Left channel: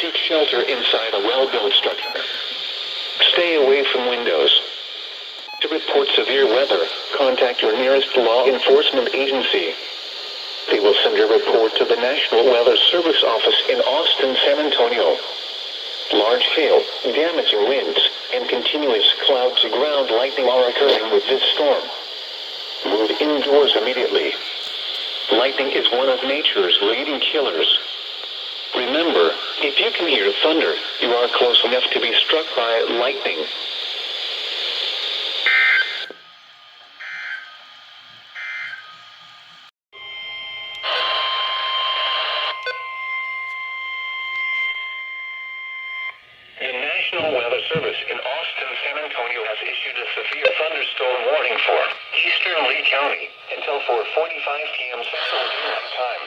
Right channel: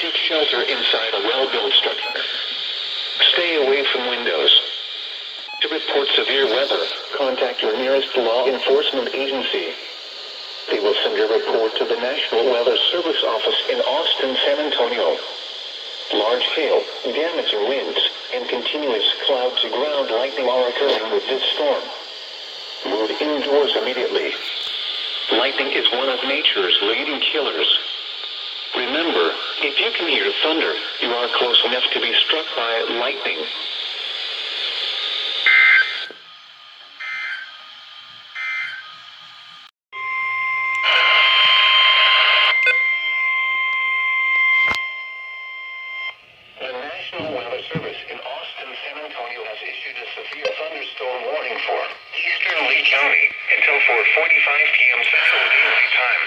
Seek shelter inside a well-built structure. Stay away from windows. To report severe weather, contact your nearest law enforcement agency. They will send your report to the National Weather Service office in Austin, San Antonio. Large hail, damaging winds, and continuous cloud-to-ground lightning are occurring with this storm. Move indoors immediately. Lightning is one of nature's leading killers. Remember, if you can hear thunder, you are close enough to be struck by lightning. The National Weather Service in Austin, San Antonio has issued a severe thunderstorm warning for eastern Lee County until 4:45 p.m. Central Daylight Time.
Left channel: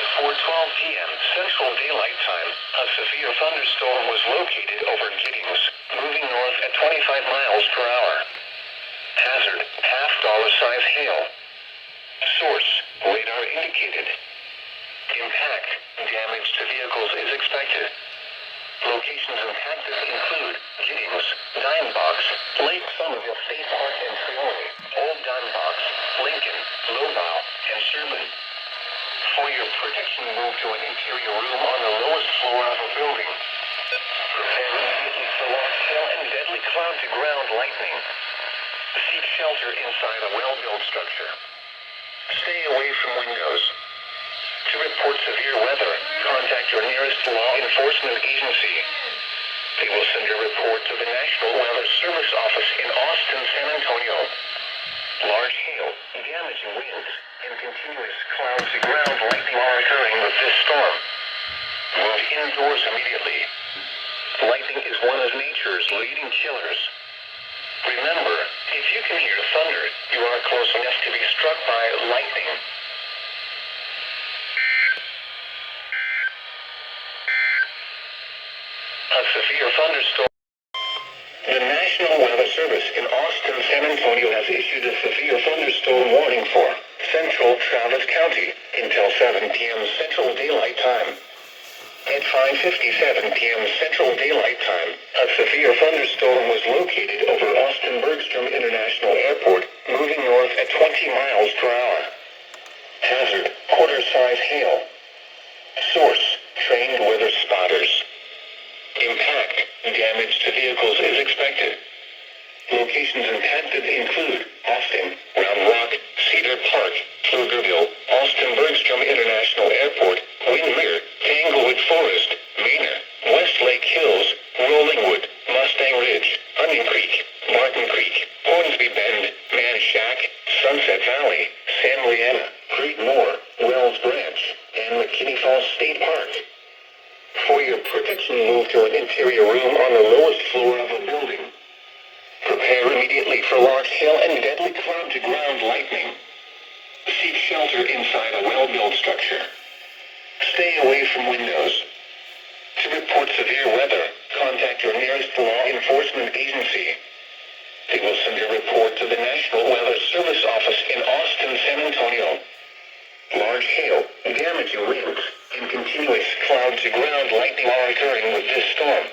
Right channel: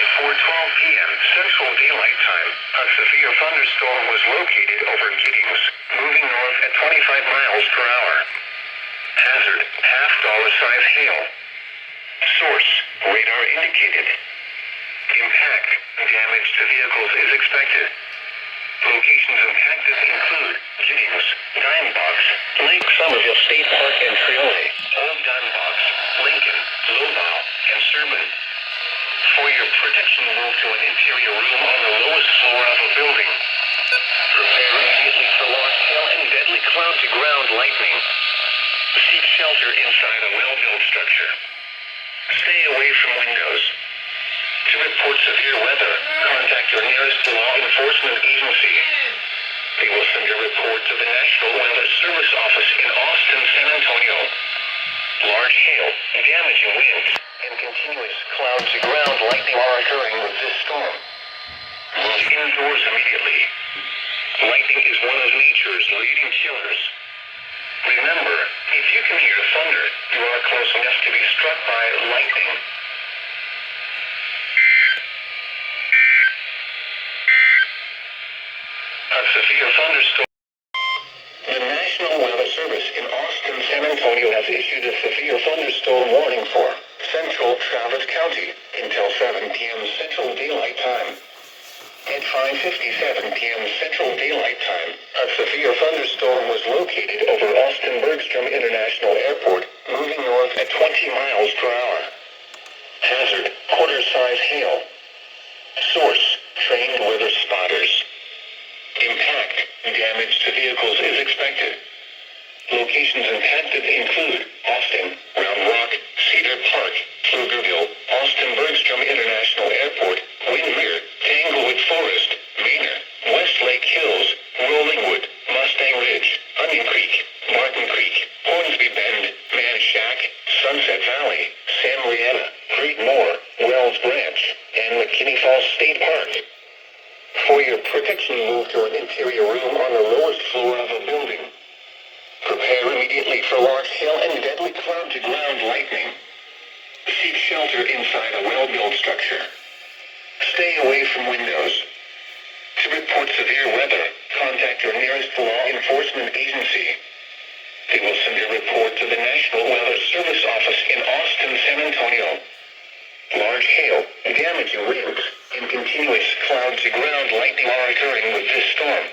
At 4:12 p.m. Central Daylight Time, a severe thunderstorm was located over Giddings, moving north at 25 miles per hour. Hazard, half-dollar-size hail. Source, radar indicated. Impact, damage to vehicles is expected. Locations impacted include Giddings, Dime Box, Lake Somerville State Park and Triole, Old Dime Box, Lincoln, Lobau, and Serban. For your protection, move to an interior room on the lowest floor of a building. Prepare immediately for large hail and deadly cloud-to-ground lightning. Seek shelter inside a well-built structure. Stay away from windows. To report severe weather, contact your nearest law enforcement agency. They will send your report to the National Weather Service office in Austin, San Antonio. Large hail, damaging winds, and continuous cloud-to-ground lightning are occurring with this storm. Move indoors immediately. Lightning is one of nature's leading killers. Remember, if you can hear thunder, you are close enough to be struck by lightning. A severe thunderstorm. The National Weather Service in Austin, San Antonio has issued a severe thunderstorm warning for central Travis County until 7 p.m. Central Daylight Time. At 5:57 p.m. Central Daylight Time, a severe thunderstorm was located over Austin Bergstrom International Airport, moving north at 20 miles per hour. Hazard, quarter-size hail. Source, trained weather spotters. Impact, damage to vehicles is expected. Locations impacted include Austin, Round Rock, Cedar Park, Pflugerville, Austin Bergstrom International Airport, Windermere, Tanglewood Forest, Manor, Westlake Hills, Rollingwood, Mustang Ridge, Onion Creek, Martin Creek, Hornsby Bend, Manchac, Sunset Valley, San Leanna, Creedmoor, Wells Branch, and McKinney Falls State Park. For your protection, move to an interior room on the lowest floor of a building. Prepare immediately for large hail and deadly cloud-to-ground lightning. Seek shelter inside a well-built structure. Stay away from windows. To report severe weather, contact your nearest law enforcement agency. They will send your report to the National Weather Service office in Austin, San Antonio. Large hail, damaging winds, and continuous cloud-to-ground lightning are occurring with this storm.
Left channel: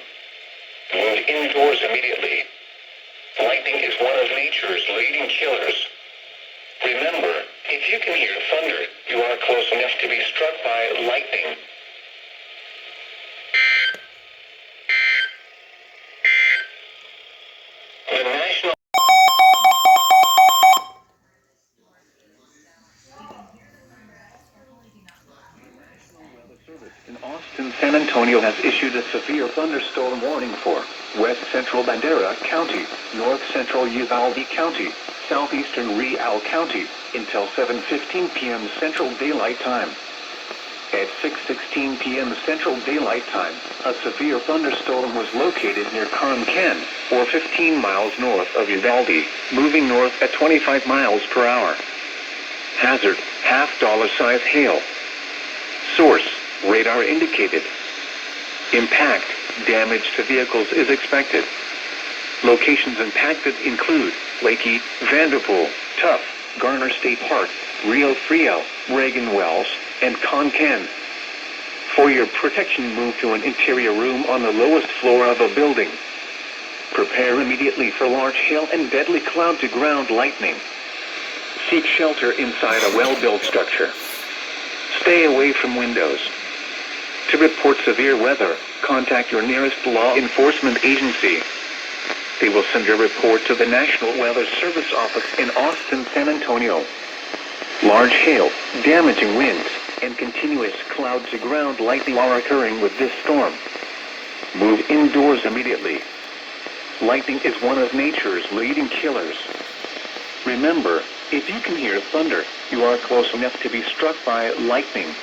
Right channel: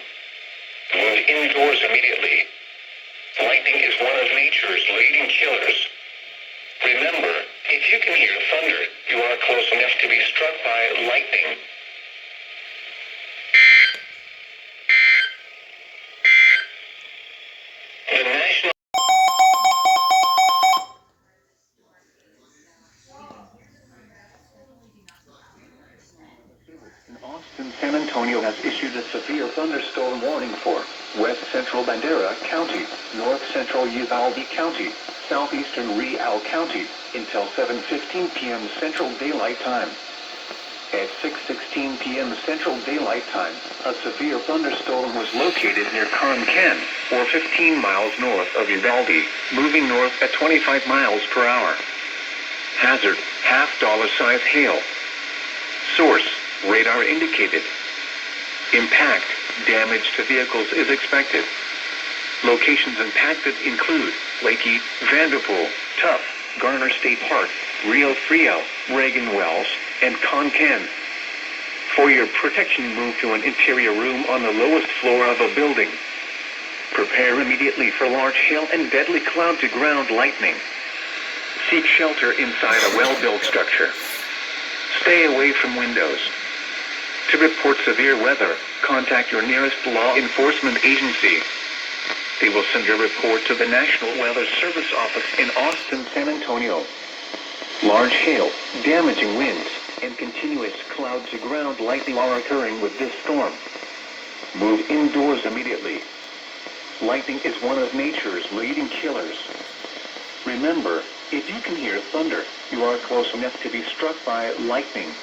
Move indoors immediately. Lightning is one of nature's leading killers. Remember, if you can hear thunder, you are close enough to be struck by lightning. The National in Austin, San Antonio has issued a severe thunderstorm warning for west central Bandera County, north central Uvalde County, southeastern Real County, until 7:15 p.m. Central Daylight Time. At 6:16 p.m. Central Daylight Time, a severe thunderstorm was located near Concan, or 15 miles north of Uvalde, moving north at 25 miles per hour. Hazard, half-dollar-size hail. Source, radar indicated. Impact, damage to vehicles is expected. Locations impacted include Leakey, Vanderpool, Tuff, Garner State Park, Rio Frio, Reagan Wells, and Konkan. For your protection, move to an interior room on the lowest floor of a building. Prepare immediately for large hail and deadly cloud-to-ground lightning. Seek shelter inside a well-built structure. Stay away from windows. To report severe weather, contact your nearest law enforcement agency. They will send your report to the National Weather Service office in Austin, San Antonio. Large hail, damaging winds, and continuous cloud-to-ground lightning are occurring with this storm. Move indoors immediately. Lightning is one of nature's leading killers. Remember, if you can hear thunder, you are close enough to be struck by lightning.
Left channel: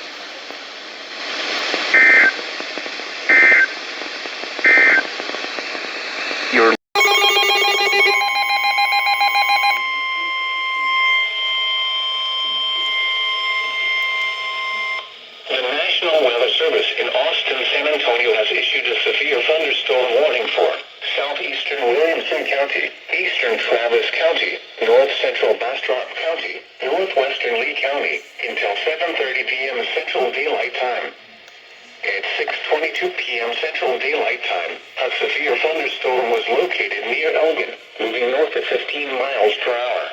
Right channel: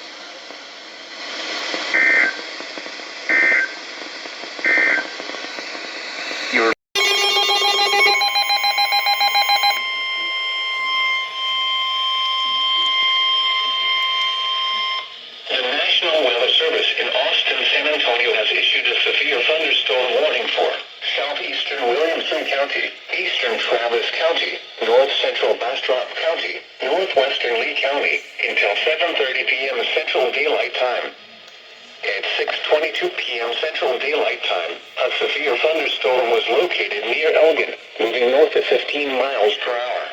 Your The National Weather Service in Austin, San Antonio has issued a severe thunderstorm warning for southeastern Williamson County, eastern Travis County, north central Bastrop County, northwestern Lee County, until 7:30 p.m. Central Daylight Time. At 6:22 p.m. Central Daylight Time, a severe thunderstorm was located near Elgin, moving north at 15 miles per hour.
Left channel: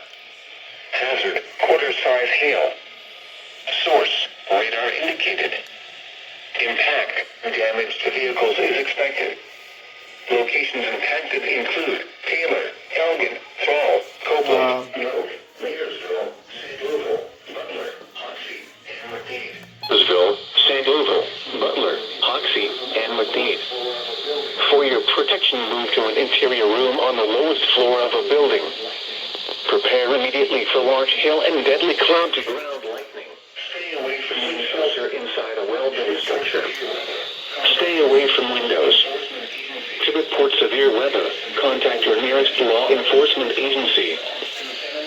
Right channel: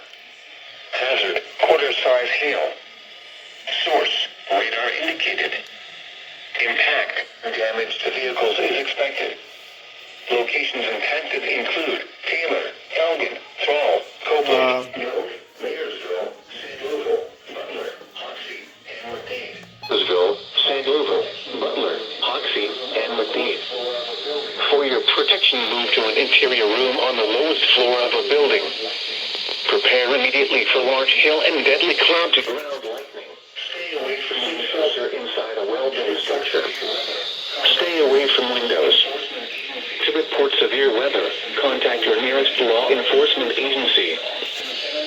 Hazard, quarter-size hail. Source, radar indicated. Impact, damage to vehicles is expected. Locations impacted include Taylor, Elgin, Fall, Copeland, Mayersville, Sandoval, Butler, Hoxie, and McDade. Mayersville, Sandoval, Butler, Hoxie, and McDade. For your protection, move to an interior room on the lowest floor of a building. Prepare immediately for large hail and deadly cloud-to-ground lightning. Stay away from shelter inside a well-built structure. Stay away from windows. To report severe weather, contact your nearest law enforcement agency.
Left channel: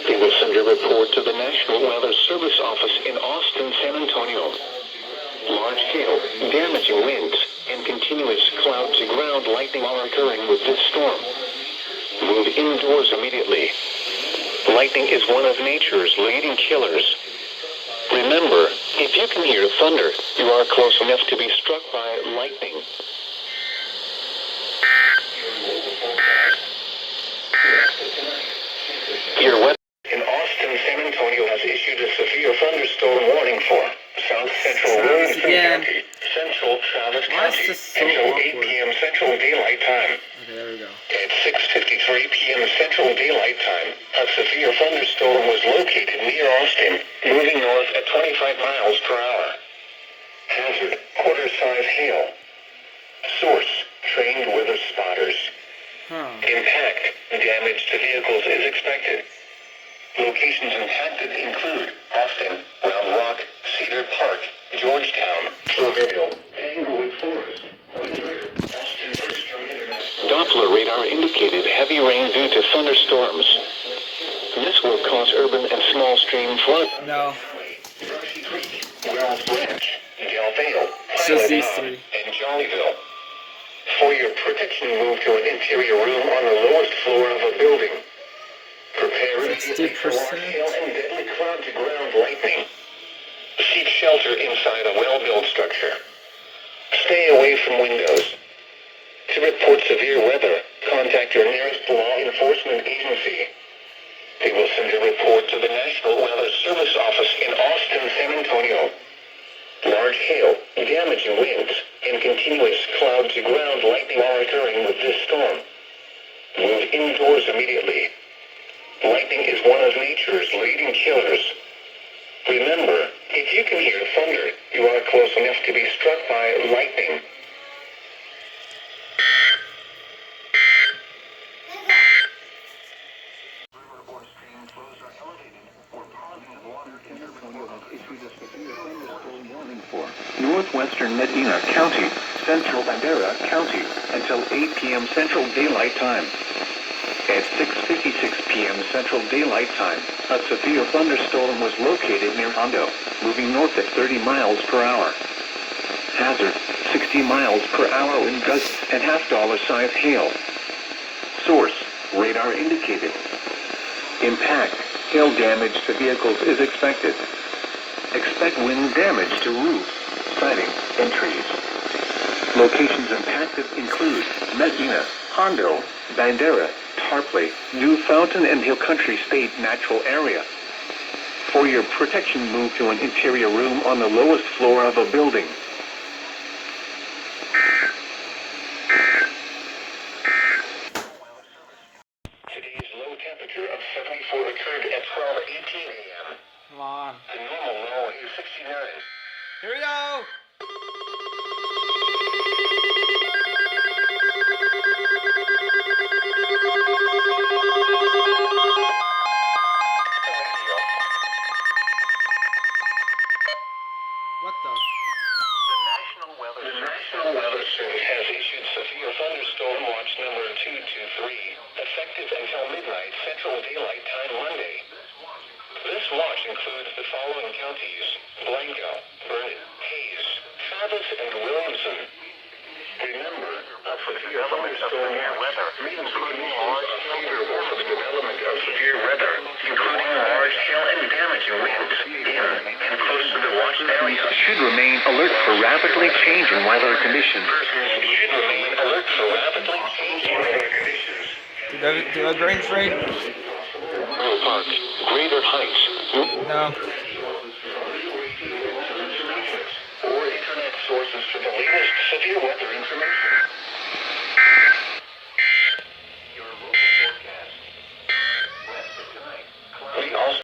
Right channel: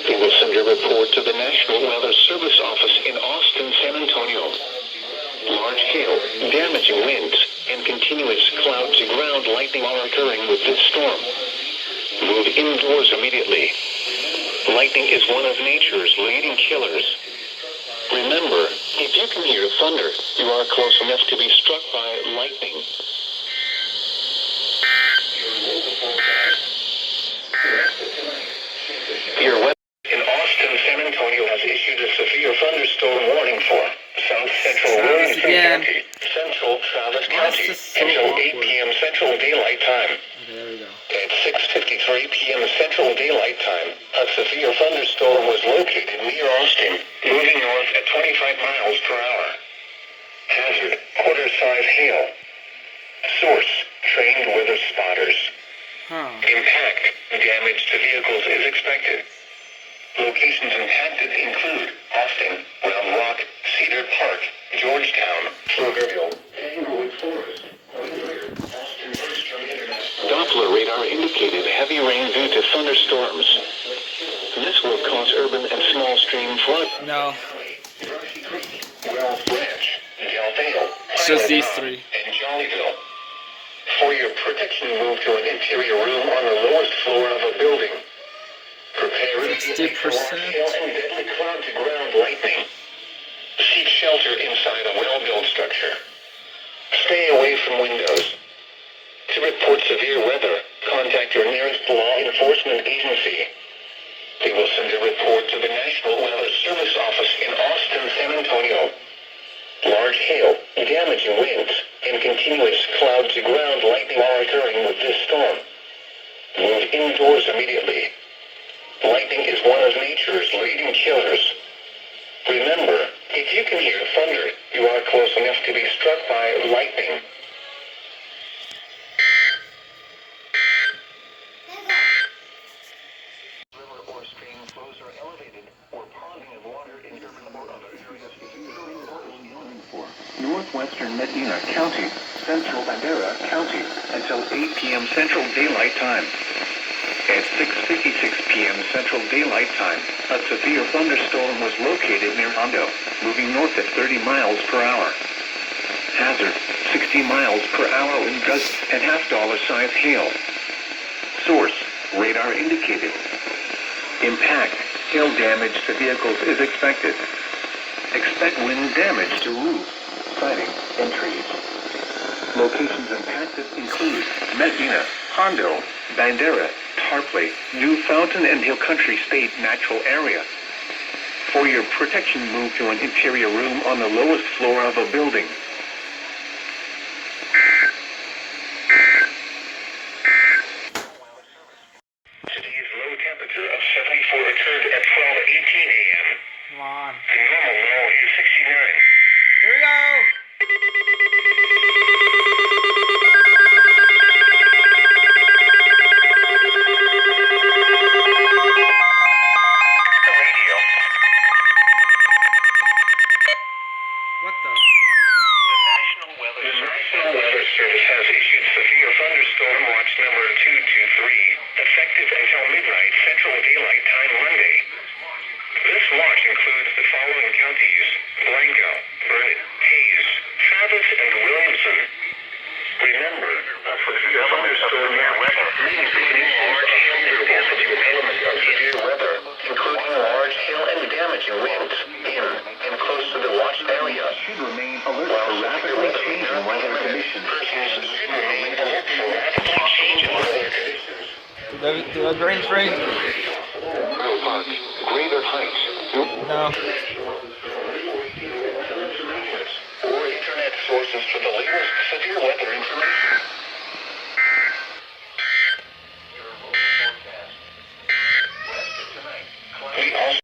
They will send your report to the National Weather Service office in Austin, San Antonio. Large hail, damaging winds, and continuous cloud-to-ground lightning are occurring with this storm. Move indoors immediately. Lightning is one of nature's leading killers. Remember, if you can hear thunder, you are close enough to be struck by lightning. Your weather in Austin, San Antonio has issued a severe thunderstorm warning for South Central Williamson County, Central Travis County, until 8 p.m. Central Daylight Time. Okay, there we go. At 6:53 p.m. Central Daylight Time, a severe thunderstorm was located near Austin, moving north at 25 miles per hour. Hazard, quarter-size hail. Source, trained weather spotters. Impact, damage to vehicles is expected. Locations impacted include Austin, Round Rock, Cedar Park, Georgetown, Pflugerville, Englewood Forest. Doppler radar indicated heavy rain due to thunderstorms. This will cause urban and small stream flood. No. Brushy Creek, Wells Branch, Del Valle, It's just these three. and Jollyville. For your protection, move to an interior room on the lowest floor of a building. Prepare immediately for large hail and deadly cloud-to-ground lightning. Seek shelter inside a well-built structure. Stay away from windows. To report severe weather, contact your nearest law enforcement agency. They will send a report to the National Weather Service office in Austin, San Antonio. Large hail, damaging winds, and continuous cloud-to-ground lightning are occurring with this storm. Move indoors immediately. Lightning is one of nature's leading killers. Remember, if you can hear thunder, you are close enough to be struck by lightning. Northwestern Medina County, Central Bandera County, until 8 p.m. Central Daylight Time. At 6:56 p.m. Central Daylight Time, a severe thunderstorm was located near Hondo, moving north at 30 miles per hour. Hazard, 60 miles per hour wind gusts and half-dollar-sized hail. Source, radar indicated. Impact, Hail damage to vehicles is expected. Expect wind damage to roofs, siding, and trees. Locations impacted include Medina, Hondo, Bandera, Tarpley, New Fountain, and Hill Country State Natural Area. For your protection, move to an interior room on the lowest floor of a building. Today's low temperature of 74 occurred at 12:18 a.m. Come on. The normal low is 69. Here we go. The radio. What the? The National Weather Service has issued severe thunderstorm watch number 223, effective until midnight Central Daylight Time Monday. This watch includes the following counties: Blanco, Burnett, Hayes, Travis, and Williamson. Remember, thunderstorm weather, including large hail and damaging elements of severe weather, including large hail and damaging winds in and close to the watched area. Should remain alert for rapidly changing weather conditions. Persons should remain alert for rapidly changing weather conditions. Do the range rate? Grove Park, Greater Heights. No. Or internet sources for the latest severe weather information. Your local forecast. We also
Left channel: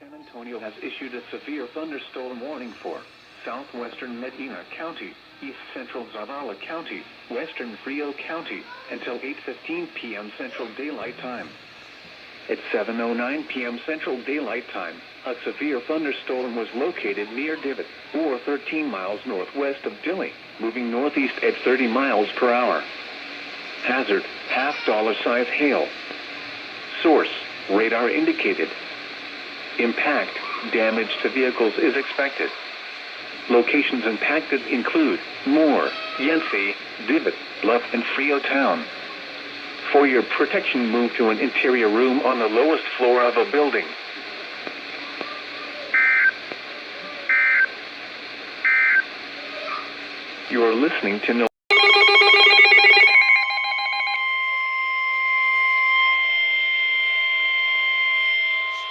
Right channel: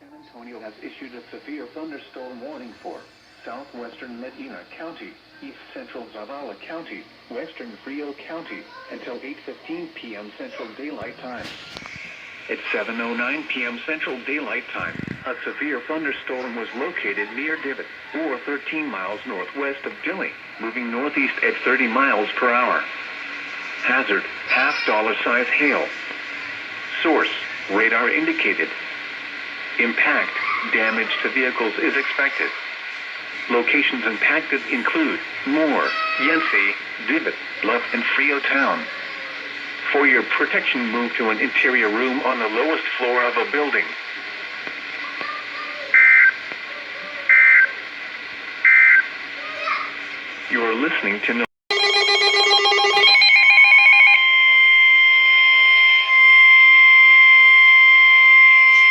San Antonio has issued a severe thunderstorm warning for southwestern Medina County, east central Zavala County, western Frio County, until 8:15 p.m. Central Daylight Time. At 7:09 p.m. Central Daylight Time, a severe thunderstorm was located near Divot, or 13 miles northwest of Dilley, moving northeast at 30 miles per hour. Hazard, $half-size hail. Source, radar indicated. Impact, damage to vehicles is expected. Locations impacted include Moore, Yancey, Divot, Bluff, and Frio Town. For your protection, move to an interior room on the lowest floor of a building. You are listening to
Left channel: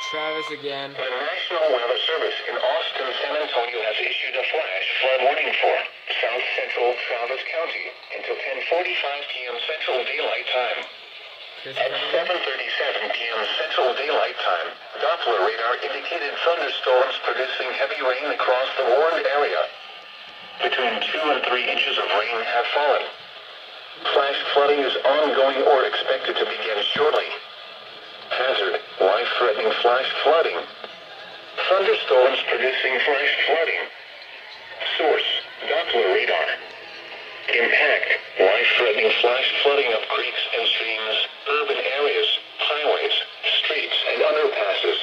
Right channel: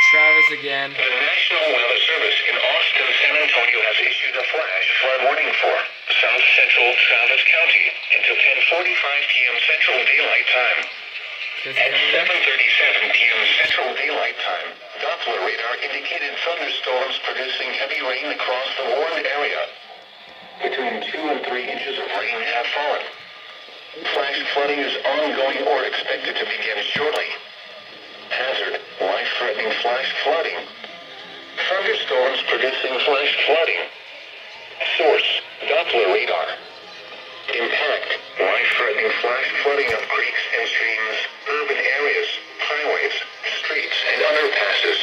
Travis again. The National Weather Service in Austin, San Antonio has issued a flash flood warning for South Central Travis County until 10:45 p.m. Central Daylight Time. At 7:37 p.m. Central Daylight Time, Doppler radar indicated thunderstorms producing heavy rain across the warned area. Between 2 and 3 inches of rain have fallen. Flash flooding is ongoing or expected to begin shortly. Hazard, life-threatening flash flooding. Thunderstorms producing flash flooding. Source, Doppler radar. Impact, life-threatening flash flooding of creeks and streams, urban areas, highways, streets, and underpasses.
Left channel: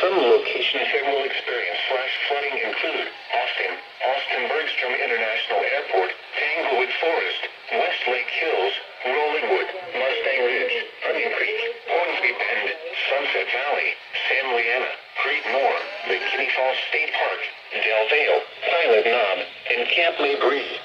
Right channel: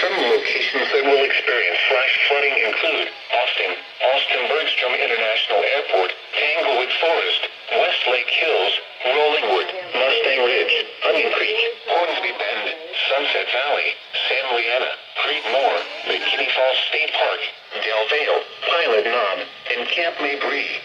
Some locations that will experience flash flooding include Austin Bergstrom International Airport, Tanglewood Forest, Westlake Hills, Rollingwood, Mustang Ridge, Onion Creek, Hornsby Bend, Sunset Valley, San Leanna, Creekmore, McKinney Falls State Park, Del Valle, Pilot Knob, and Camp Mabry.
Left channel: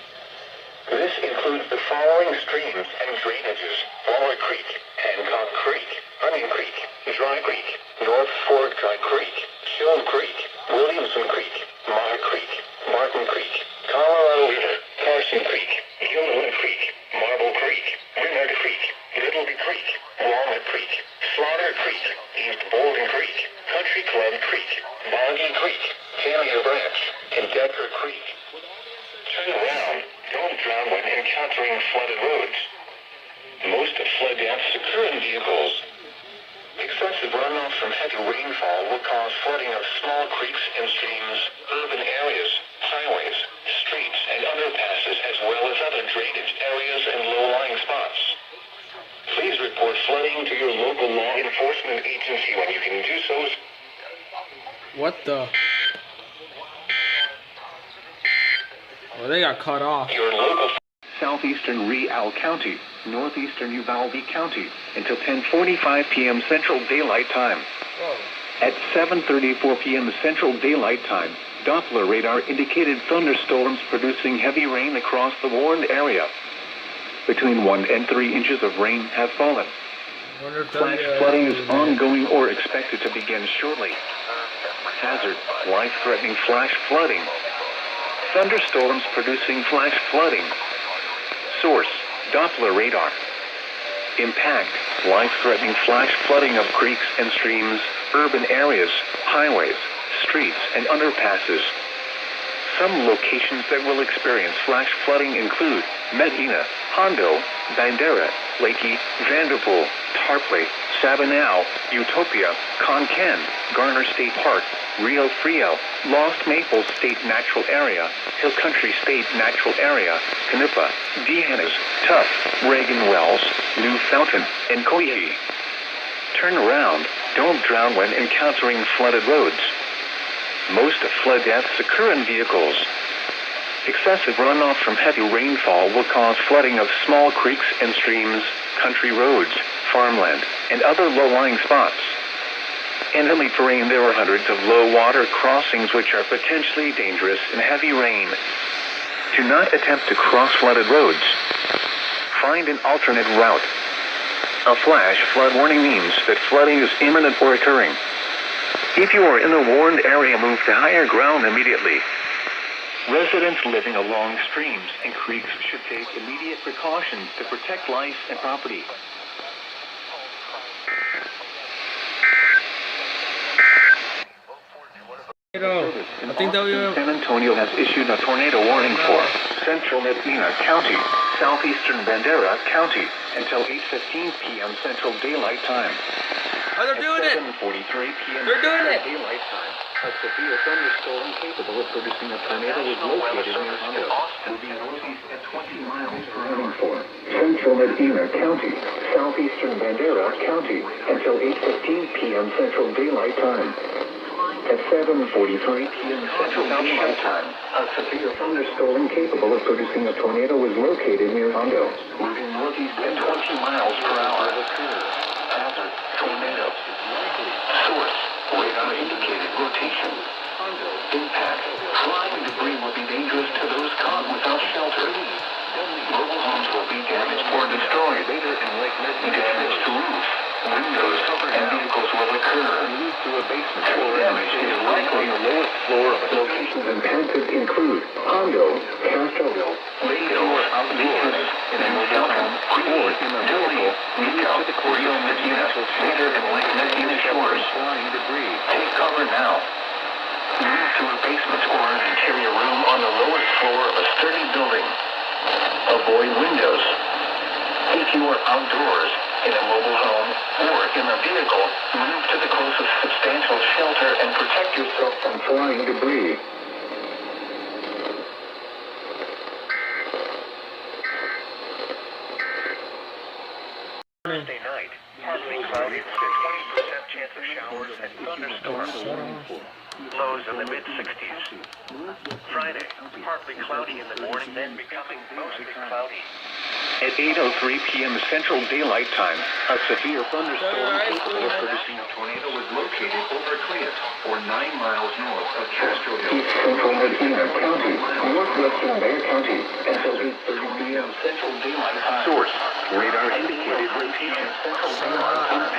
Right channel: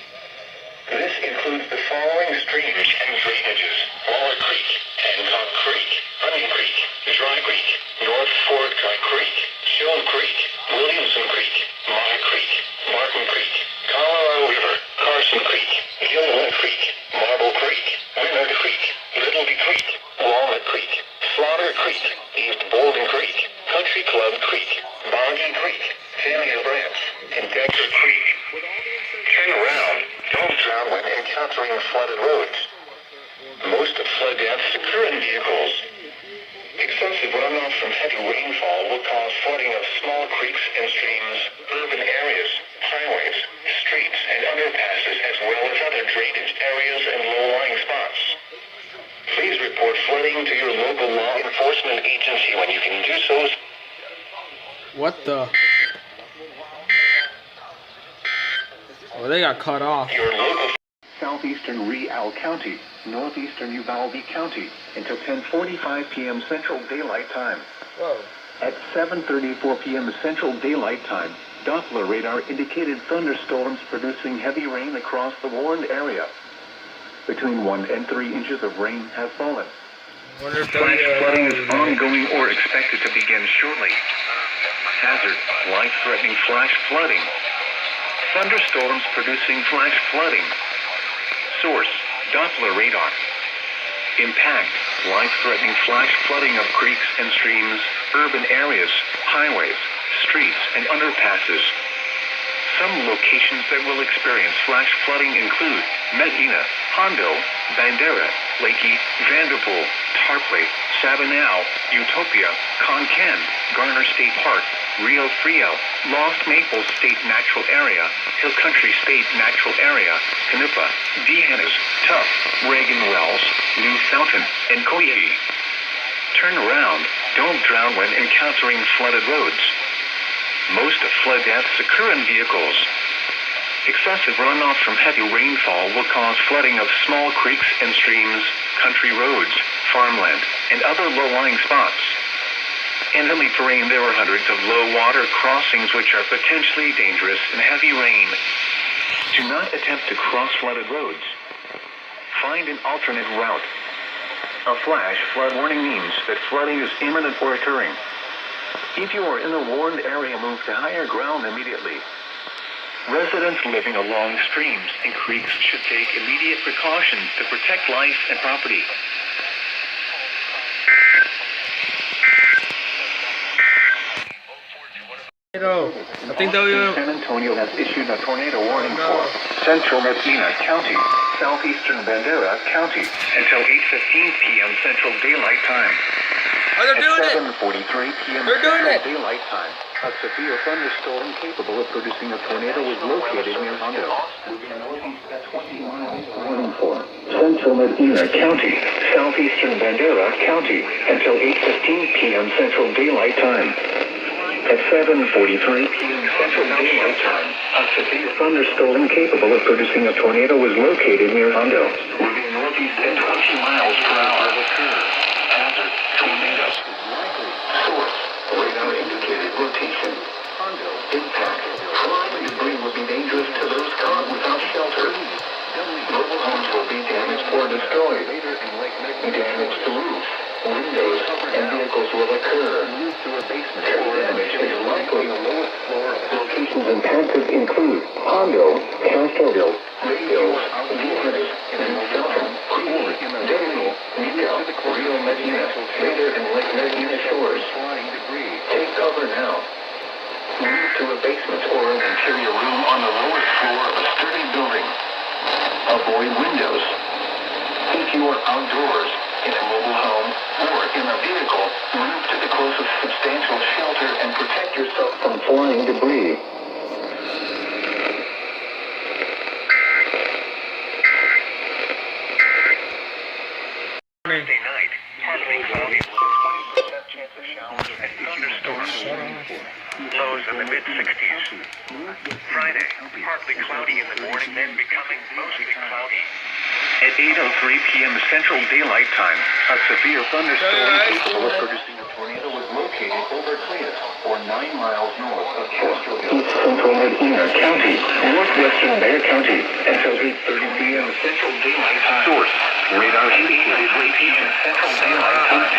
This includes the following streams and drainages: Waller Creek, Hancock Creek, Onion Creek, Dry Creek, North Fork Dry Creek, Shone Creek, Williamson Creek, Mata Creek, Martin Creek, Colorado River, Carson Creek, Gilman Creek, Marble Creek, Winard Creek, Littleby Creek, Walnut Creek, Slaughter Creek, East Bowling Creek, Country Club Creek, Boggy Creek, Fannier Branch, and Decker Creek. Turn around. Don't drown when encountering flooded roads. Most flood deaths occur in vehicles. Excessive runoff from heavy rainfall will cause flooding of small creeks and streams, urban areas, highways, streets, and underpasses, as well as other drainage areas and low-lying spots. Please report flooding to your local law enforcement agency when you can do so. What the? Oh, they got cut off. Your local southeastern Real County, northeastern Uvalde County, until 10:45 p.m. Central Daylight Time. Whoa. At 7:34 p.m. Central Daylight Time, Doppler radar indicated thunderstorms producing heavy rain across the warned area. Between 1 and 3 inches of rain have fallen. Wonder if Flash flooding is ongoing or expected to begin shortly. Hazard, life-threatening flash flooding. Thunderstorms producing flash flooding. Source, Doppler radar. Impact, life-threatening flash flooding of creeks and streams, urban areas, highways, streets, and underpasses. Some locations that will experience flash flooding include Medina, Hondo, Bandera, Leakey, Vanderpool, Tarpley, Sabinal, Utopia, Concan, Garner State Park, Rio Frio, Lost Maples State Natural Area, Hill Country State Natural Area, Canupa, Dehanas, Tuff, Reagan Wells, New Fountain, and Koyee. Turn around. Don't drown when encountering flooded roads. Most flood deaths occur in vehicles. Excessive runoff from heavy rainfall will cause flooding of small creeks and streams, country roads, farmland, and other low-lying spots. In heavy terrain, there are hundreds of low-water crossings which are potentially dangerous in heavy rain. Do not attempt to cross flooded roads. Find an alternate route. A flash flood warning means that flooding is imminent or occurring. If you are in a warned area, move to higher ground immediately. Residents living along streams and creeks should take immediate precautions to protect life and property. I think that we San Antonio has issued a tornado warning for central Medina County, southeastern Bandera County, until 8:15 p.m. Central Daylight Time. Oh, they're doing it! 7:43 p.m. They're doing it! Central Daylight Time. A severe thunderstorm capable of producing a tornado is located near Hondo, moving northeast at 20 miles per hour for central Medina County, southeastern Bandera County, until 8:15 p.m. Central Daylight Time. At 7:43 p.m. Central Daylight Time, a severe thunderstorm capable of producing a tornado was located near Hondo, moving northeast at 20 miles per hour. Hazard, tornado. Source, radar indicated rotation. Hondo, impact. Flying debris will be dangerous to those caught without shelter. Mobile homes will be damaged or destroyed. Damage to roofs, windows, and vehicles will occur. Move through a basement or an interior likely the lowest floor. Locations impacted include Hondo, Castroville, Lakeville, outdoors, in a mobile home, or in a vehicle, to the coastal Medina, later in Lake Medina shores. Flying debris. Take cover now. Move to a basement or an interior room on the lowest floor of a sturdy building. Avoid windows. If you are outdoors, in a mobile home, or in a vehicle, move to the closest substantial shelter and protect yourself from flying debris. Thursday night, partly cloudy, 50% chance of showers and thunderstorms. Lows in the mid-60s. Friday, partly cloudy in the morning, then becoming mostly foggy. At 8:03 p.m. Central Daylight Time, a severe thunderstorm capable of producing a tornado was located over Clint, or 9 miles north of Castroville, East Central Medina County, northwestern Bexar County, until 8:30 p.m. Central Daylight Time. Source, radar indicated rotation. Central Daylight Time.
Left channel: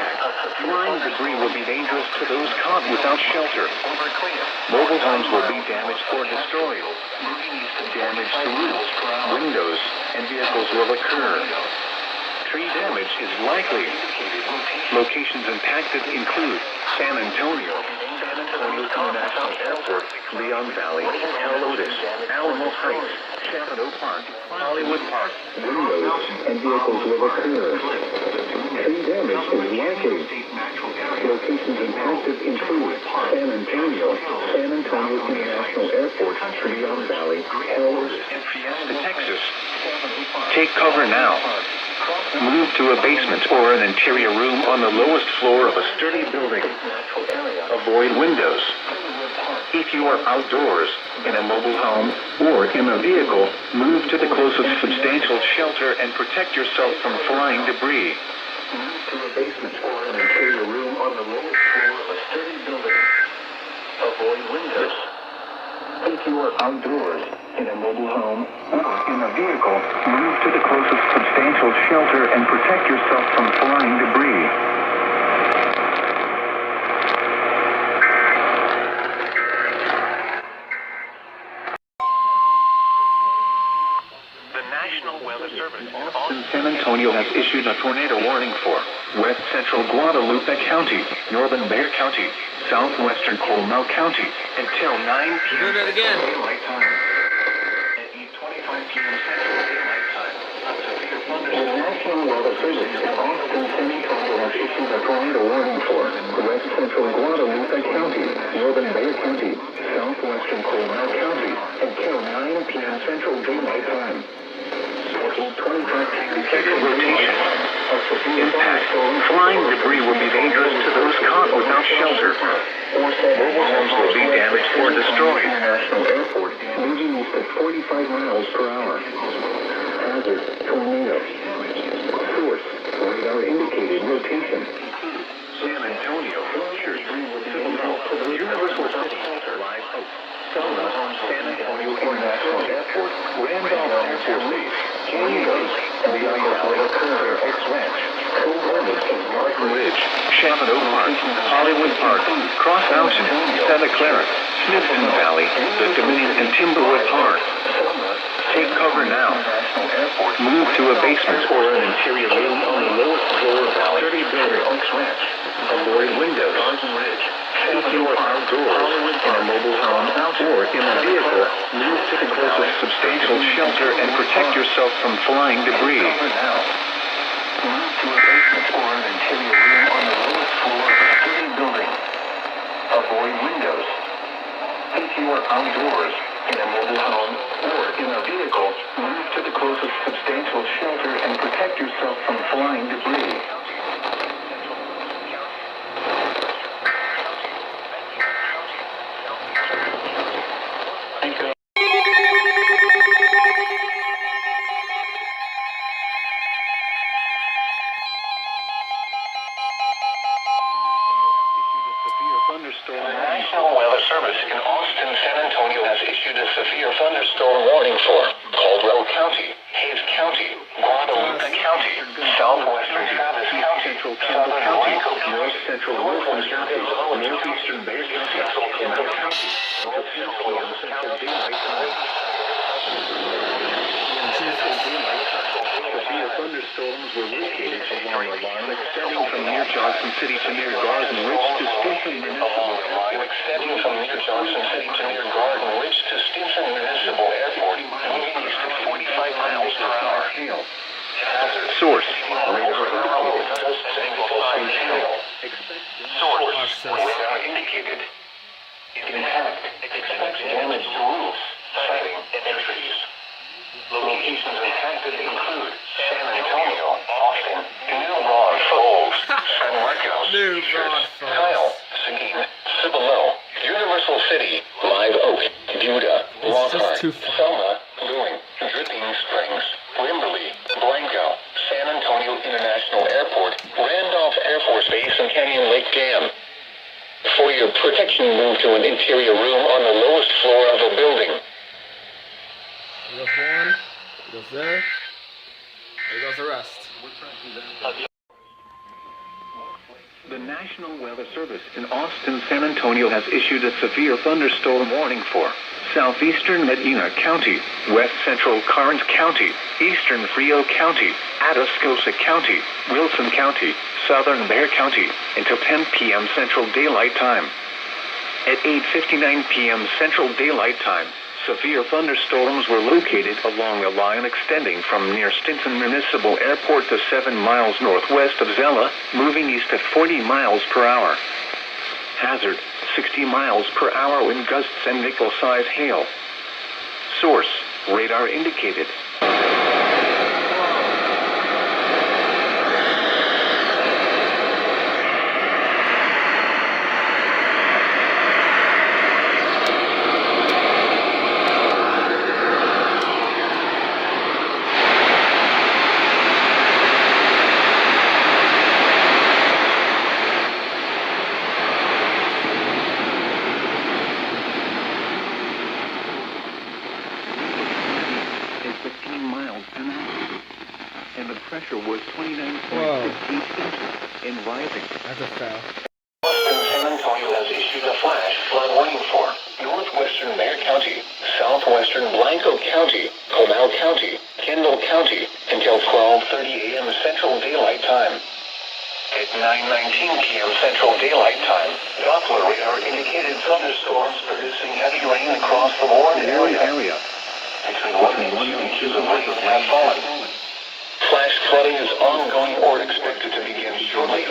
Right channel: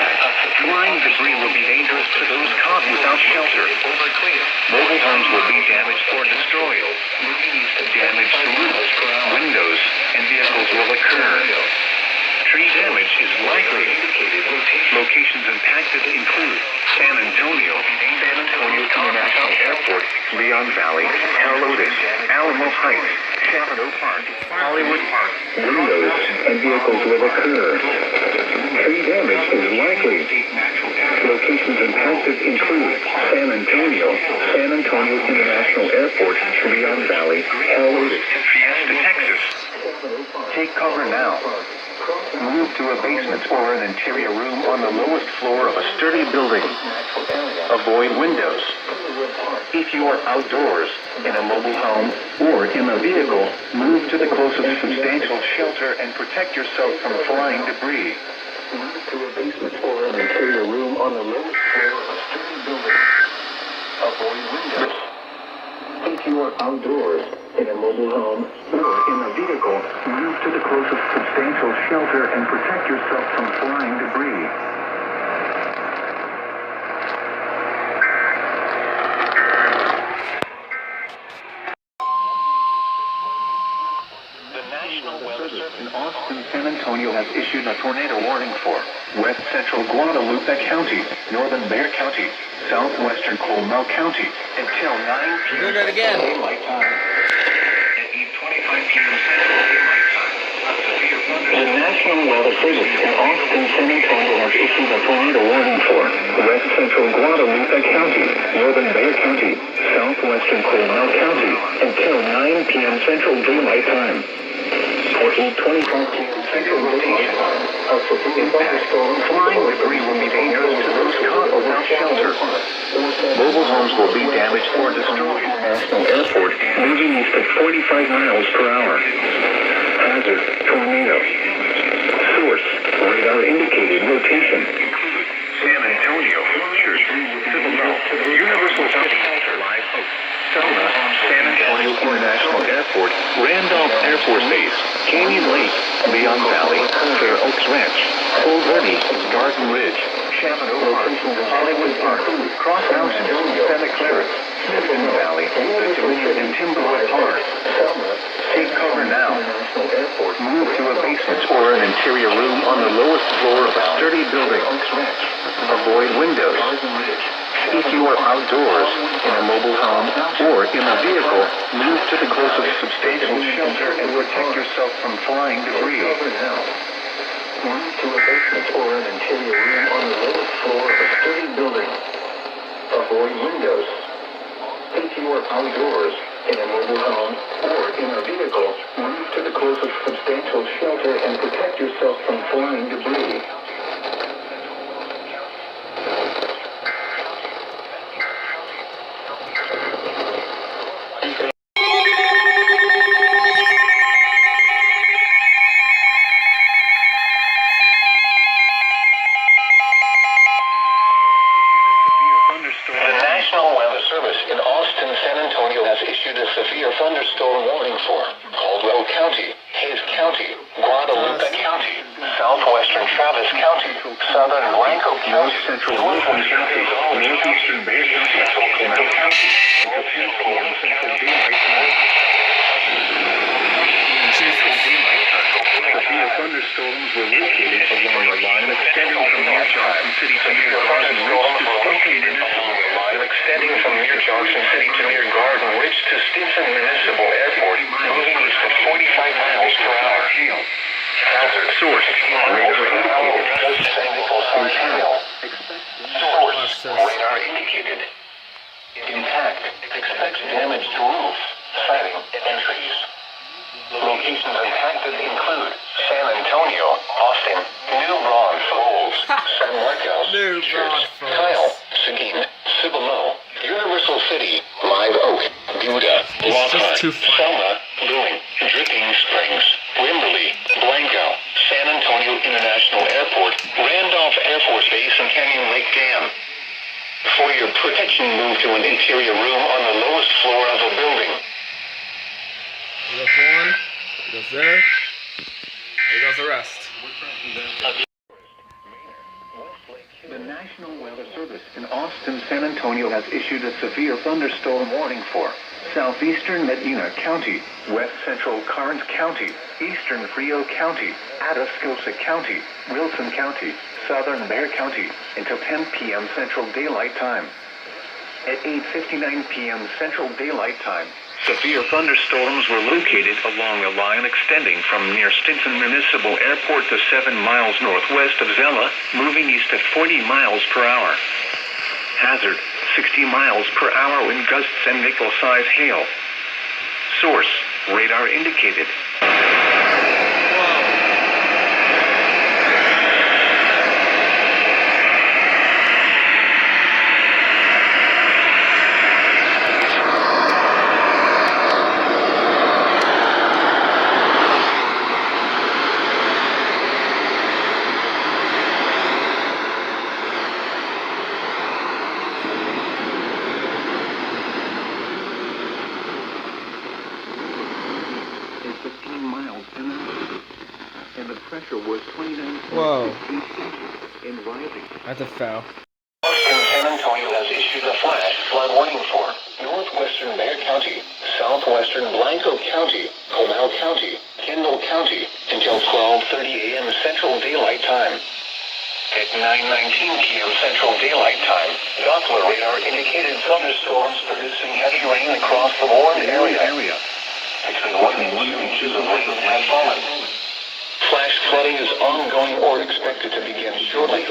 Flying debris will be dangerous to those caught without shelter. Mobile homes will be damaged or destroyed. Damage to roofs, windows, and vehicles will occur. Tree damage is likely. Locations impacted include San Antonio International Airport, Leon Valley, Helotes, Alamo Heights, Chavano Park, Hollywood Park. Windows and vehicles will occur. Tree damage is likely. Locations impacted include San Antonio International Airport, Leon Valley, Helotes, and Fiesta, Texas. Take cover now. Move to a basement or an interior room on the lowest floor of a sturdy building. Avoid windows. If you are outdoors, in a mobile home, or in a vehicle, move to the closest substantial shelter and protect yourself from flying debris. Move to a basement or an interior room on the lowest floor of a sturdy building. Avoid windows. If you are outdoors, in a mobile home, or in a vehicle, move to the closest substantial shelter and protect yourself from flying debris. The National Weather Service in Austin, San Antonio has issued a tornado warning for west central Guadalupe County, northern Bexar County, southwestern Coronel County, until 9 p.m. Doing that again. Daylight time. At 8:25 p.m. Central Daylight Time. The National Weather Service in Austin, San Antonio has issued a tornado warning for west central Guadalupe County, northern Bexar County, southwestern Coronel County, until 9 p.m. Central Daylight Time. At 8:25 p.m. Central Daylight Time. Flying debris will be dangerous to those caught without shelter. Mobile homes will be damaged or destroyed. International Airport moving east at 45 miles per hour. Hazard, tornado. Source, radar indicated rotation. Include San Antonio, Church, Cibolo, Universal City, Live Oak, Selma, San Antonio International Airport, Randolph Air Force Base, Canyon Lake, Leon Valley, Fair Oaks Ranch, Cold Valley, Garden Ridge, Chaminade Park, Hollywood Park, Cross Mountain, Santa Clara, Smithson Valley, the Dominion and Timberwood Park. Take cover now. Move to a basement or an interior room on the lowest floor of a sturdy building. Avoid windows. If you are outdoors, in a mobile home, or in a vehicle, move to the closest substantial shelter and protect yourself from flying debris. Move to a basement or an interior room on the lowest floor of a sturdy building. Avoid windows. If you are outdoors, in a mobile home, or in a vehicle, move to the closest substantial shelter and protect yourself from flying debris. The National Weather Service in Austin, San Antonio has issued a severe thunderstorm warning for Caldwell County, Hays County, Guadalupe County, southwestern Travis County, southern Blanco County, north central Wilson County, northeastern Bexar County, Coronel County, and Central Daylight Time. Central Daylight Time. Severe thunderstorms were located along a line extending from near Johnson City to near Garden Ridge to Stinson Municipal Airport, moving east at 45 miles per hour. Hazard. Source, radar indicated. Source, radar indicated. Impact, expects damage to roofs, siding, and trees. Locations impacted include San Antonio, Austin, New Braunfels, San Marcos, New Braunfels, Kyle, Seguin, Cibolo, Universal City, Live Oak, Buda, Lockhart, Selma, Lewin, Dripping Springs, Wimberley, Blanco, San Antonio International Airport, Randolph Air Force Base, and Canyon Lake Dam. For your protection, move to an interior room on the lowest floor of a building. There goes one. There goes there. There goes the rest. The National Weather Service in Austin, San Antonio has issued a severe thunderstorm warning for southeastern Medina County, west central Karnes County, eastern Frio County, Atascosa County, Wilson County, southern Bexar County until 10 p.m. Central Daylight Time. At 8:59 p.m. Central Daylight Time, severe thunderstorms were located along a line extending from near Stinson Municipal Airport to 7 miles northwest of Zella, moving east at 40 miles per hour. Hazard, 60 miles per hour wind gusts and nickel-size hail. Source, radar indicated. That's a foul. Austin San Antonio has issued a flash flood warning for northwestern Bexar County, southwestern Blanco County, Comal County, Kendall County until 12:30 a.m. Central Daylight Time. At 9:19 p.m. Central Daylight Time, Doppler radar indicated thunderstorms producing heavy rain across the Warren area. Between 1 and 2 inches of rain have fallen. Flash flooding is ongoing or expected to begin shortly.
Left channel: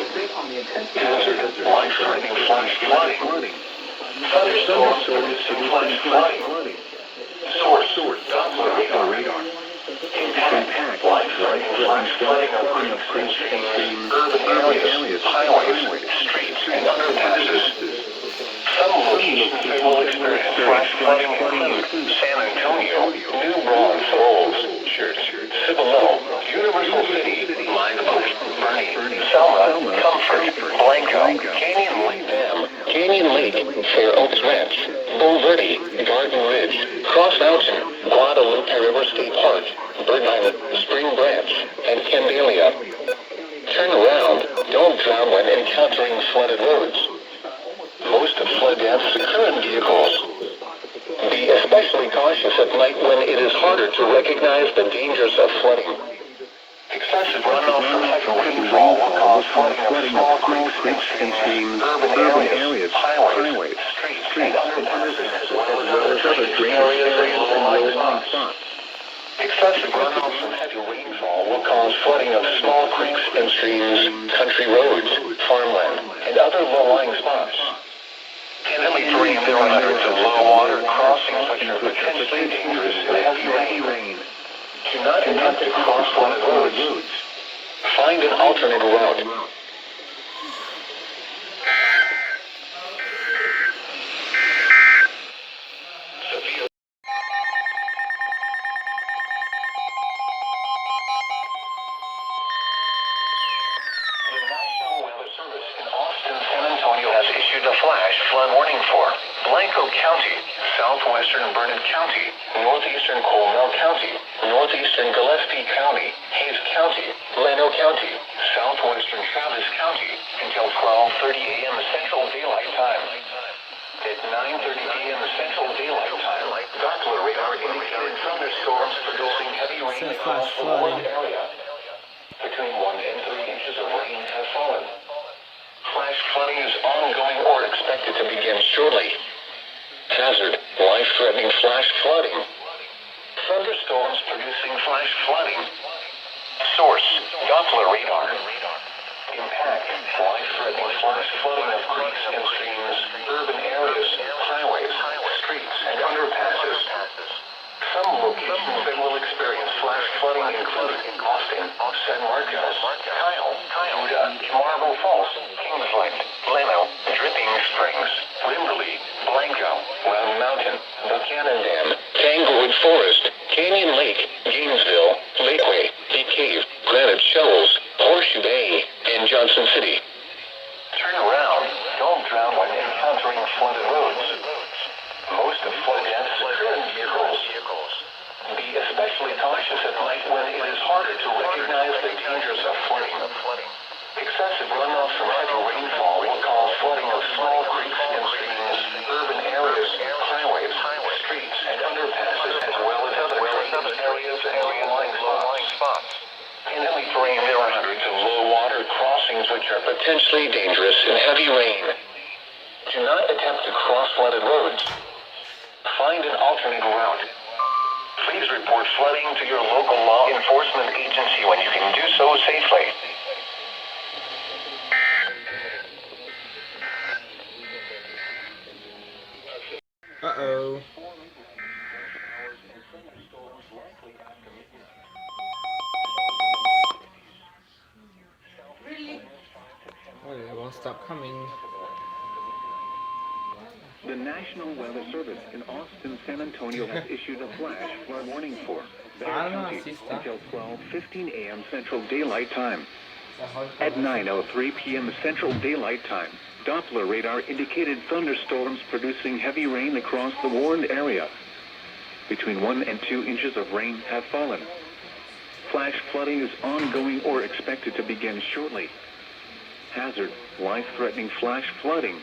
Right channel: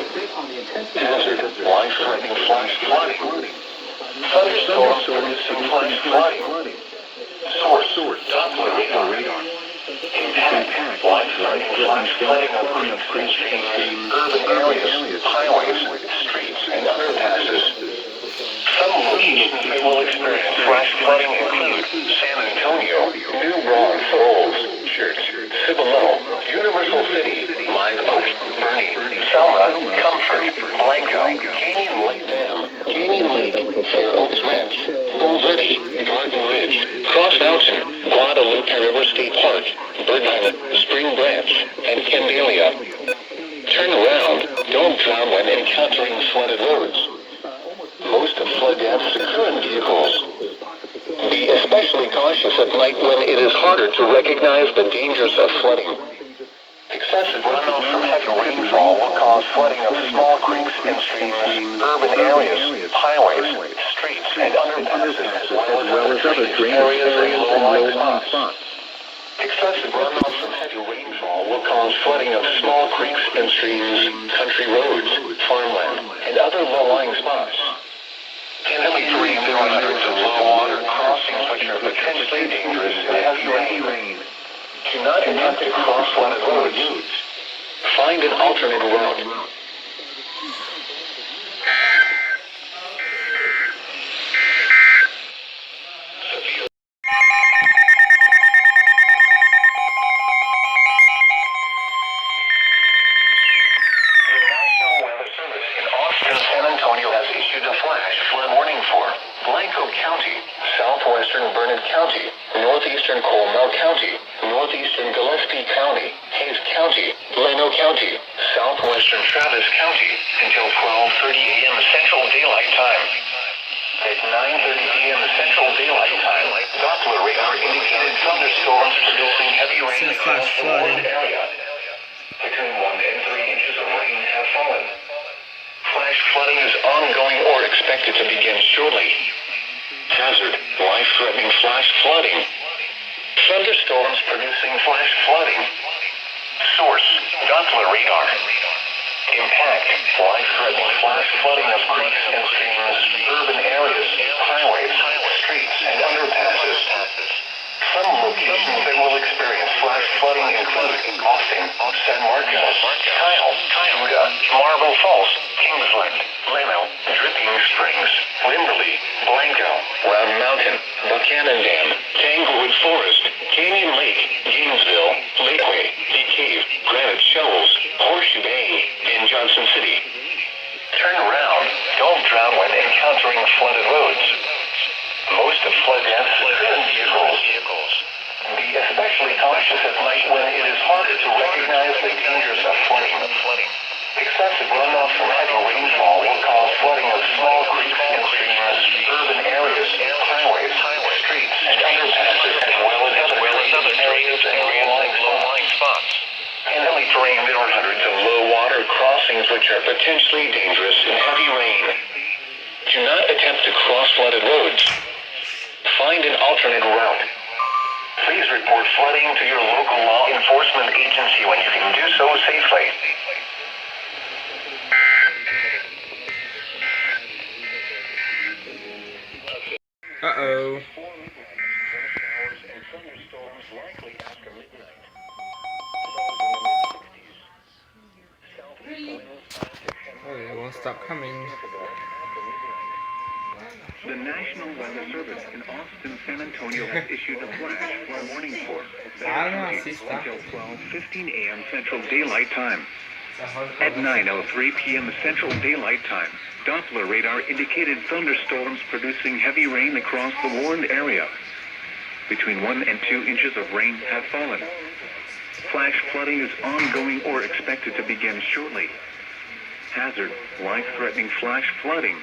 Hazard, life-threatening flash flooding. Thunderstorms producing flash flooding. Source, Doppler radar. Impact, life-threatening flash flooding of creeks and streams, urban areas, highways, streets, and underpasses. Some locations that will experience flash flooding include San Antonio, New Braunfels, Church, Cibolo, Universal City, Live Oak, Bernie, Selma, Comfort, Blanco, Canyon Lake Dam, Canyon Lake, Fair Oaks Ranch, Bull Verde, Garden Ridge, Cross Mountain, Guadalupe River State Park, Bird Island, Spring Branch, and Candelia. Turn around. Don't drown when encountering flooded roads. Most flood deaths occur in vehicles. Be especially cautious at night when it is harder to recognize the dangers of flooding. Excessive runoff from heavy rainfall will cause flooding of small creeks and streams, urban areas, highways, streets, and underpasses, as well as other drainage areas and low-lying spots. Excessive runoff from heavy rainfall will cause flooding of small creeks and streams, country roads, farmland, and other low-lying spots. Typically, there are hundreds of low-water crossings which are potentially dangerous in heavy rain. Do not attempt to cross flooded roads. Find an alternate route. San Antonio has issued a flash flood warning for Blanco County, southwestern Burnett County, northeastern Comal County, northeastern Gillespie County, Hayes County, Leno County, southwestern Travis County until 12:30 a.m. Central Daylight Time. At 9:30 a.m. Central Daylight Time, Doppler radar indicated thunderstorms producing heavy rain across the Warren area. Between 1 and 3 inches of rain have fallen. Flash flooding is ongoing or expected to begin shortly. Hazard, life-threatening flash flooding. Thunderstorms producing flash flooding. Source, Doppler radar. Impact, life-threatening flash flooding of creeks and streams, urban areas, highways, streets, and underpasses. Some locations that will experience flash flooding include Austin, San Marcos, Kyle, Yuba, Marble Falls, Kingsland, Leno, Dripping Springs, Limberley, Blanco, Round Mountain, Buchanan Dam, Tanglewood Forest, Canyon Lake, Gainesville, Lakeway, Big Cave, Granite Shoals, Horseshoe Bay, and Johnson City. Turn around. Don't drown when encountering flooded roads. Most of flood deaths live in vehicles. Be especially cautious at night when it is harder to recognize the dangers of flooding. Excessive runoff from heavy rainfall will cause flooding of small creeks and streams, urban areas, highways, streets, and underpasses, as well as other drainage areas and low-lying spots. In heavy rain, there are hundreds of low-water crossings which are potentially dangerous in heavy rain. Do not attempt to cross flooded roads. Find an alternate route. Please report flooding to your local law enforcement agency when you can do so safely. Uh-oh. Oh, it won't stop coming. The National Weather Service in Austin, San Antonio has issued a flash flood warning for until 12:15 a.m. Central Daylight Time. At 9:03 p.m. Central Daylight Time, Doppler radar indicated thunderstorms producing heavy rain across the Warren area. Between 1 and 2 inches of rain have fallen. Flash flooding is ongoing or expected to begin shortly. Hazard, life-threatening flash flooding.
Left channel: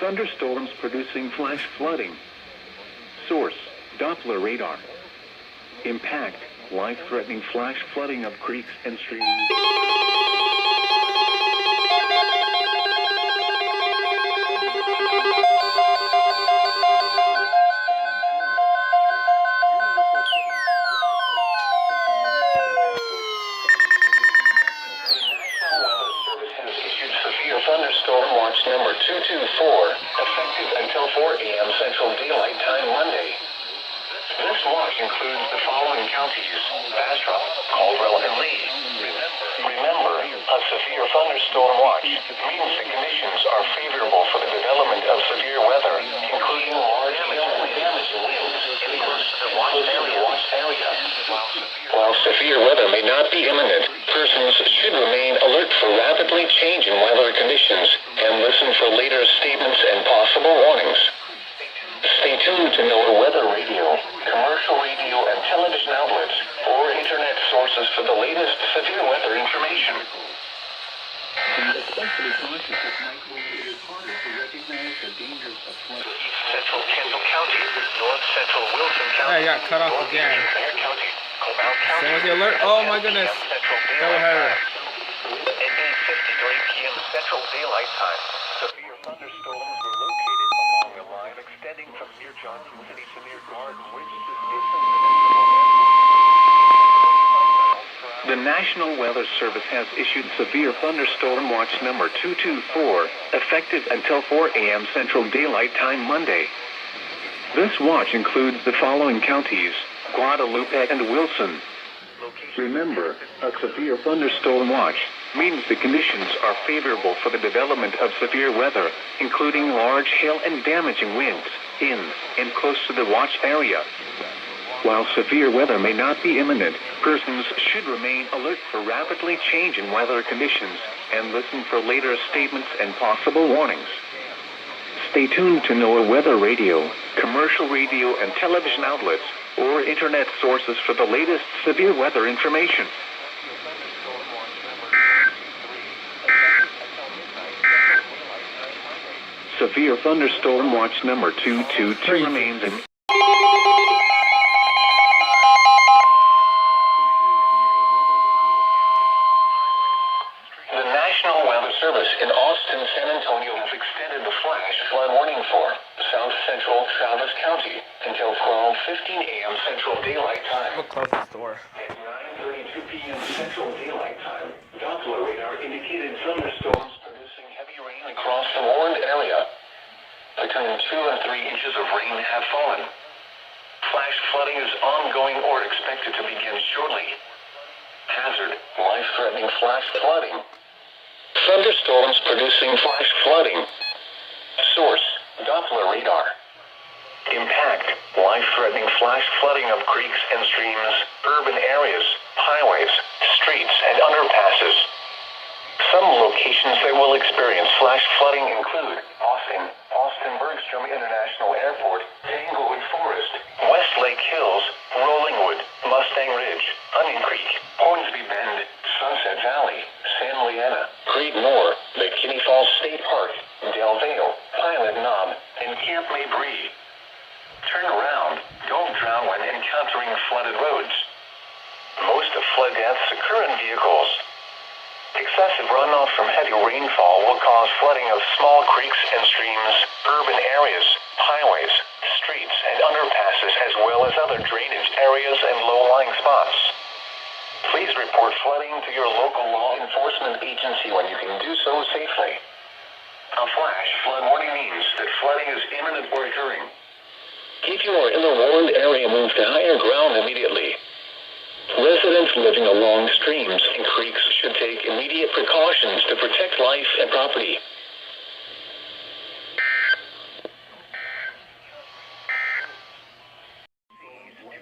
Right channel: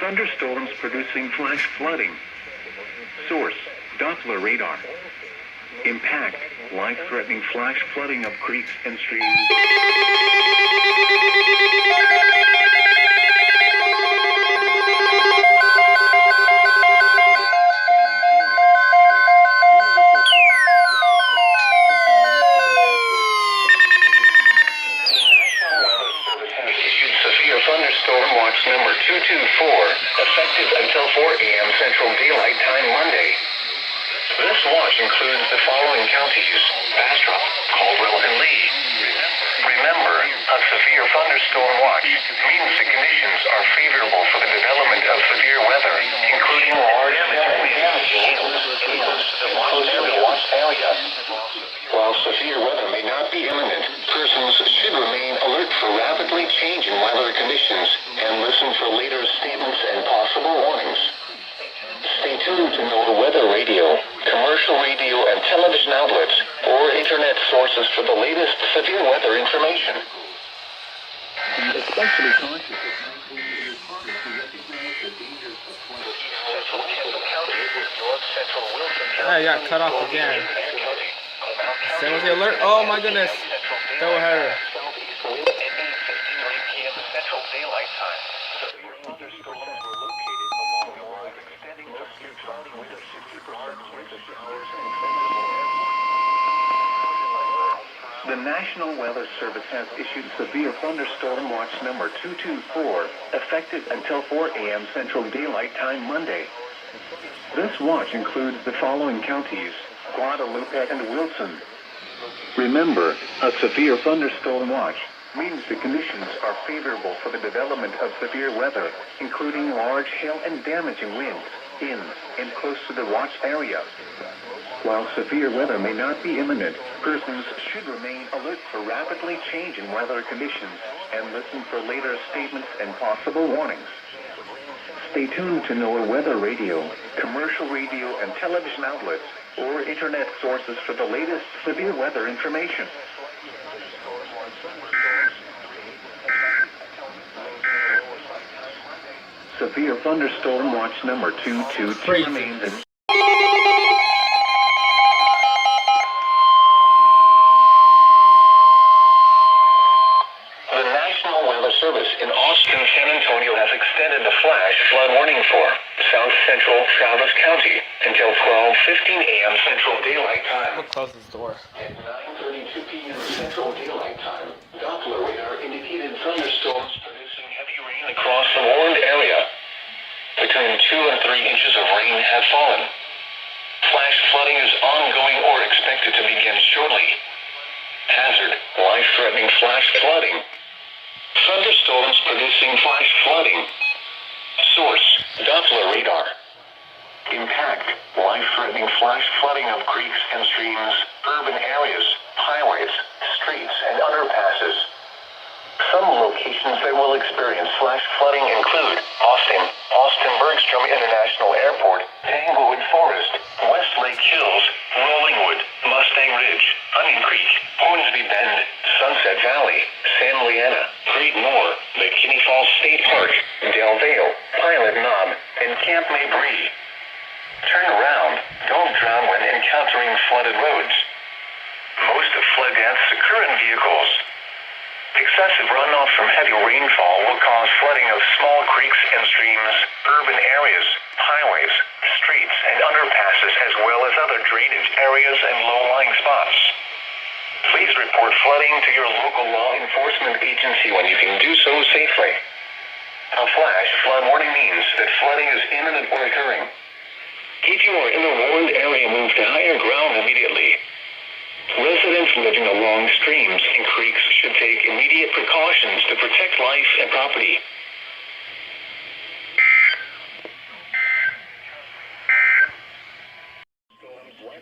Thunderstorms producing flash flooding. Source, Doppler radar. Impact, life-threatening flash flooding of creeks and streams. Thunderstorm watch number 224, effective until 4 a.m. Central Daylight Time Monday. This watch includes the following counties: Bastrop, Caldwell, and Lee. Remember, a severe thunderstorm watch means the conditions are favorable for the development of severe weather, including large electric winds, hail, and close to the watch area. While severe weather may not be imminent, persons should remain alert for rapidly changing weather conditions and listen for later statements and possible warnings. Stay tuned to NOAA Weather Radio, commercial radio and television outlets, or internet sources for the latest severe weather information. Especially cautious at night when it is harder to recognize the dangers of flooding. East Central Kendall County, North Central Wilson County. Hey, I got cut off again. Same with the alert. Oh my goodness. Double header. At 8:53 p.m. Central Daylight Time, severe thunderstorms were located along the line extending from near Johnson City to near Park, The National Weather Service has issued severe thunderstorm watch number 224, effective until 4 a.m. Central Daylight Time Monday. This watch includes the following counties: Guadalupe and Wilson. Remember, a severe thunderstorm watch means the conditions are favorable for the development of severe weather, including large hail and damaging winds in and close to the watch area. While severe weather may not be imminent, persons should remain alert for rapidly changing weather conditions and listen for later statements and possible warnings. Stay tuned to NOAA Weather Radio, commercial radio and television outlets, or internet sources for the latest severe weather information. Severe thunderstorm watch number 222 remains in... The National Weather Service in Austin, San Antonio has extended the flash flood warning for South Central Travis County until 12:15 a.m. Central Daylight Time. We'll close this door. At 9:32 p.m. Central Daylight Time, Doppler radar indicated thunderstorms producing heavy rain across the warned area. Between 2 and 3 inches of rain have fallen. Flash flooding is ongoing or expected to begin shortly. Hazard, life-threatening flash flooding. Thunderstorms producing flash flooding. Source, Doppler radar. Impact, life-threatening flash flooding of creeks and streams, urban areas, highways, streets, and underpasses. Some locations that will experience flash flooding include Austin Bergstrom International Airport, Tanglewood Forest, Westlake Hills, Rollingwood, Mustang Ridge, Onion Creek, Hornsby Bend, Sunset Valley, San Leanna, Great Moor, McKinney Falls State Park, Del Valle, Pilot Knob, and Camp Mabry. Turn around. Don't drown when encountering flooded roads. Most of flood deaths occur in vehicles. Excessive runoff from heavy rainfall will cause flooding of small creeks and streams, urban areas, highways, streets, and underpasses, as well as other drainage areas and low-lying spots. Please report flooding to your local law enforcement agency when you can do so safely. A flash flood warning means that flooding is imminent or occurring. If you are in a warned area, move to higher ground immediately. Residents living along streams and creeks should take immediate precautions to protect life and property.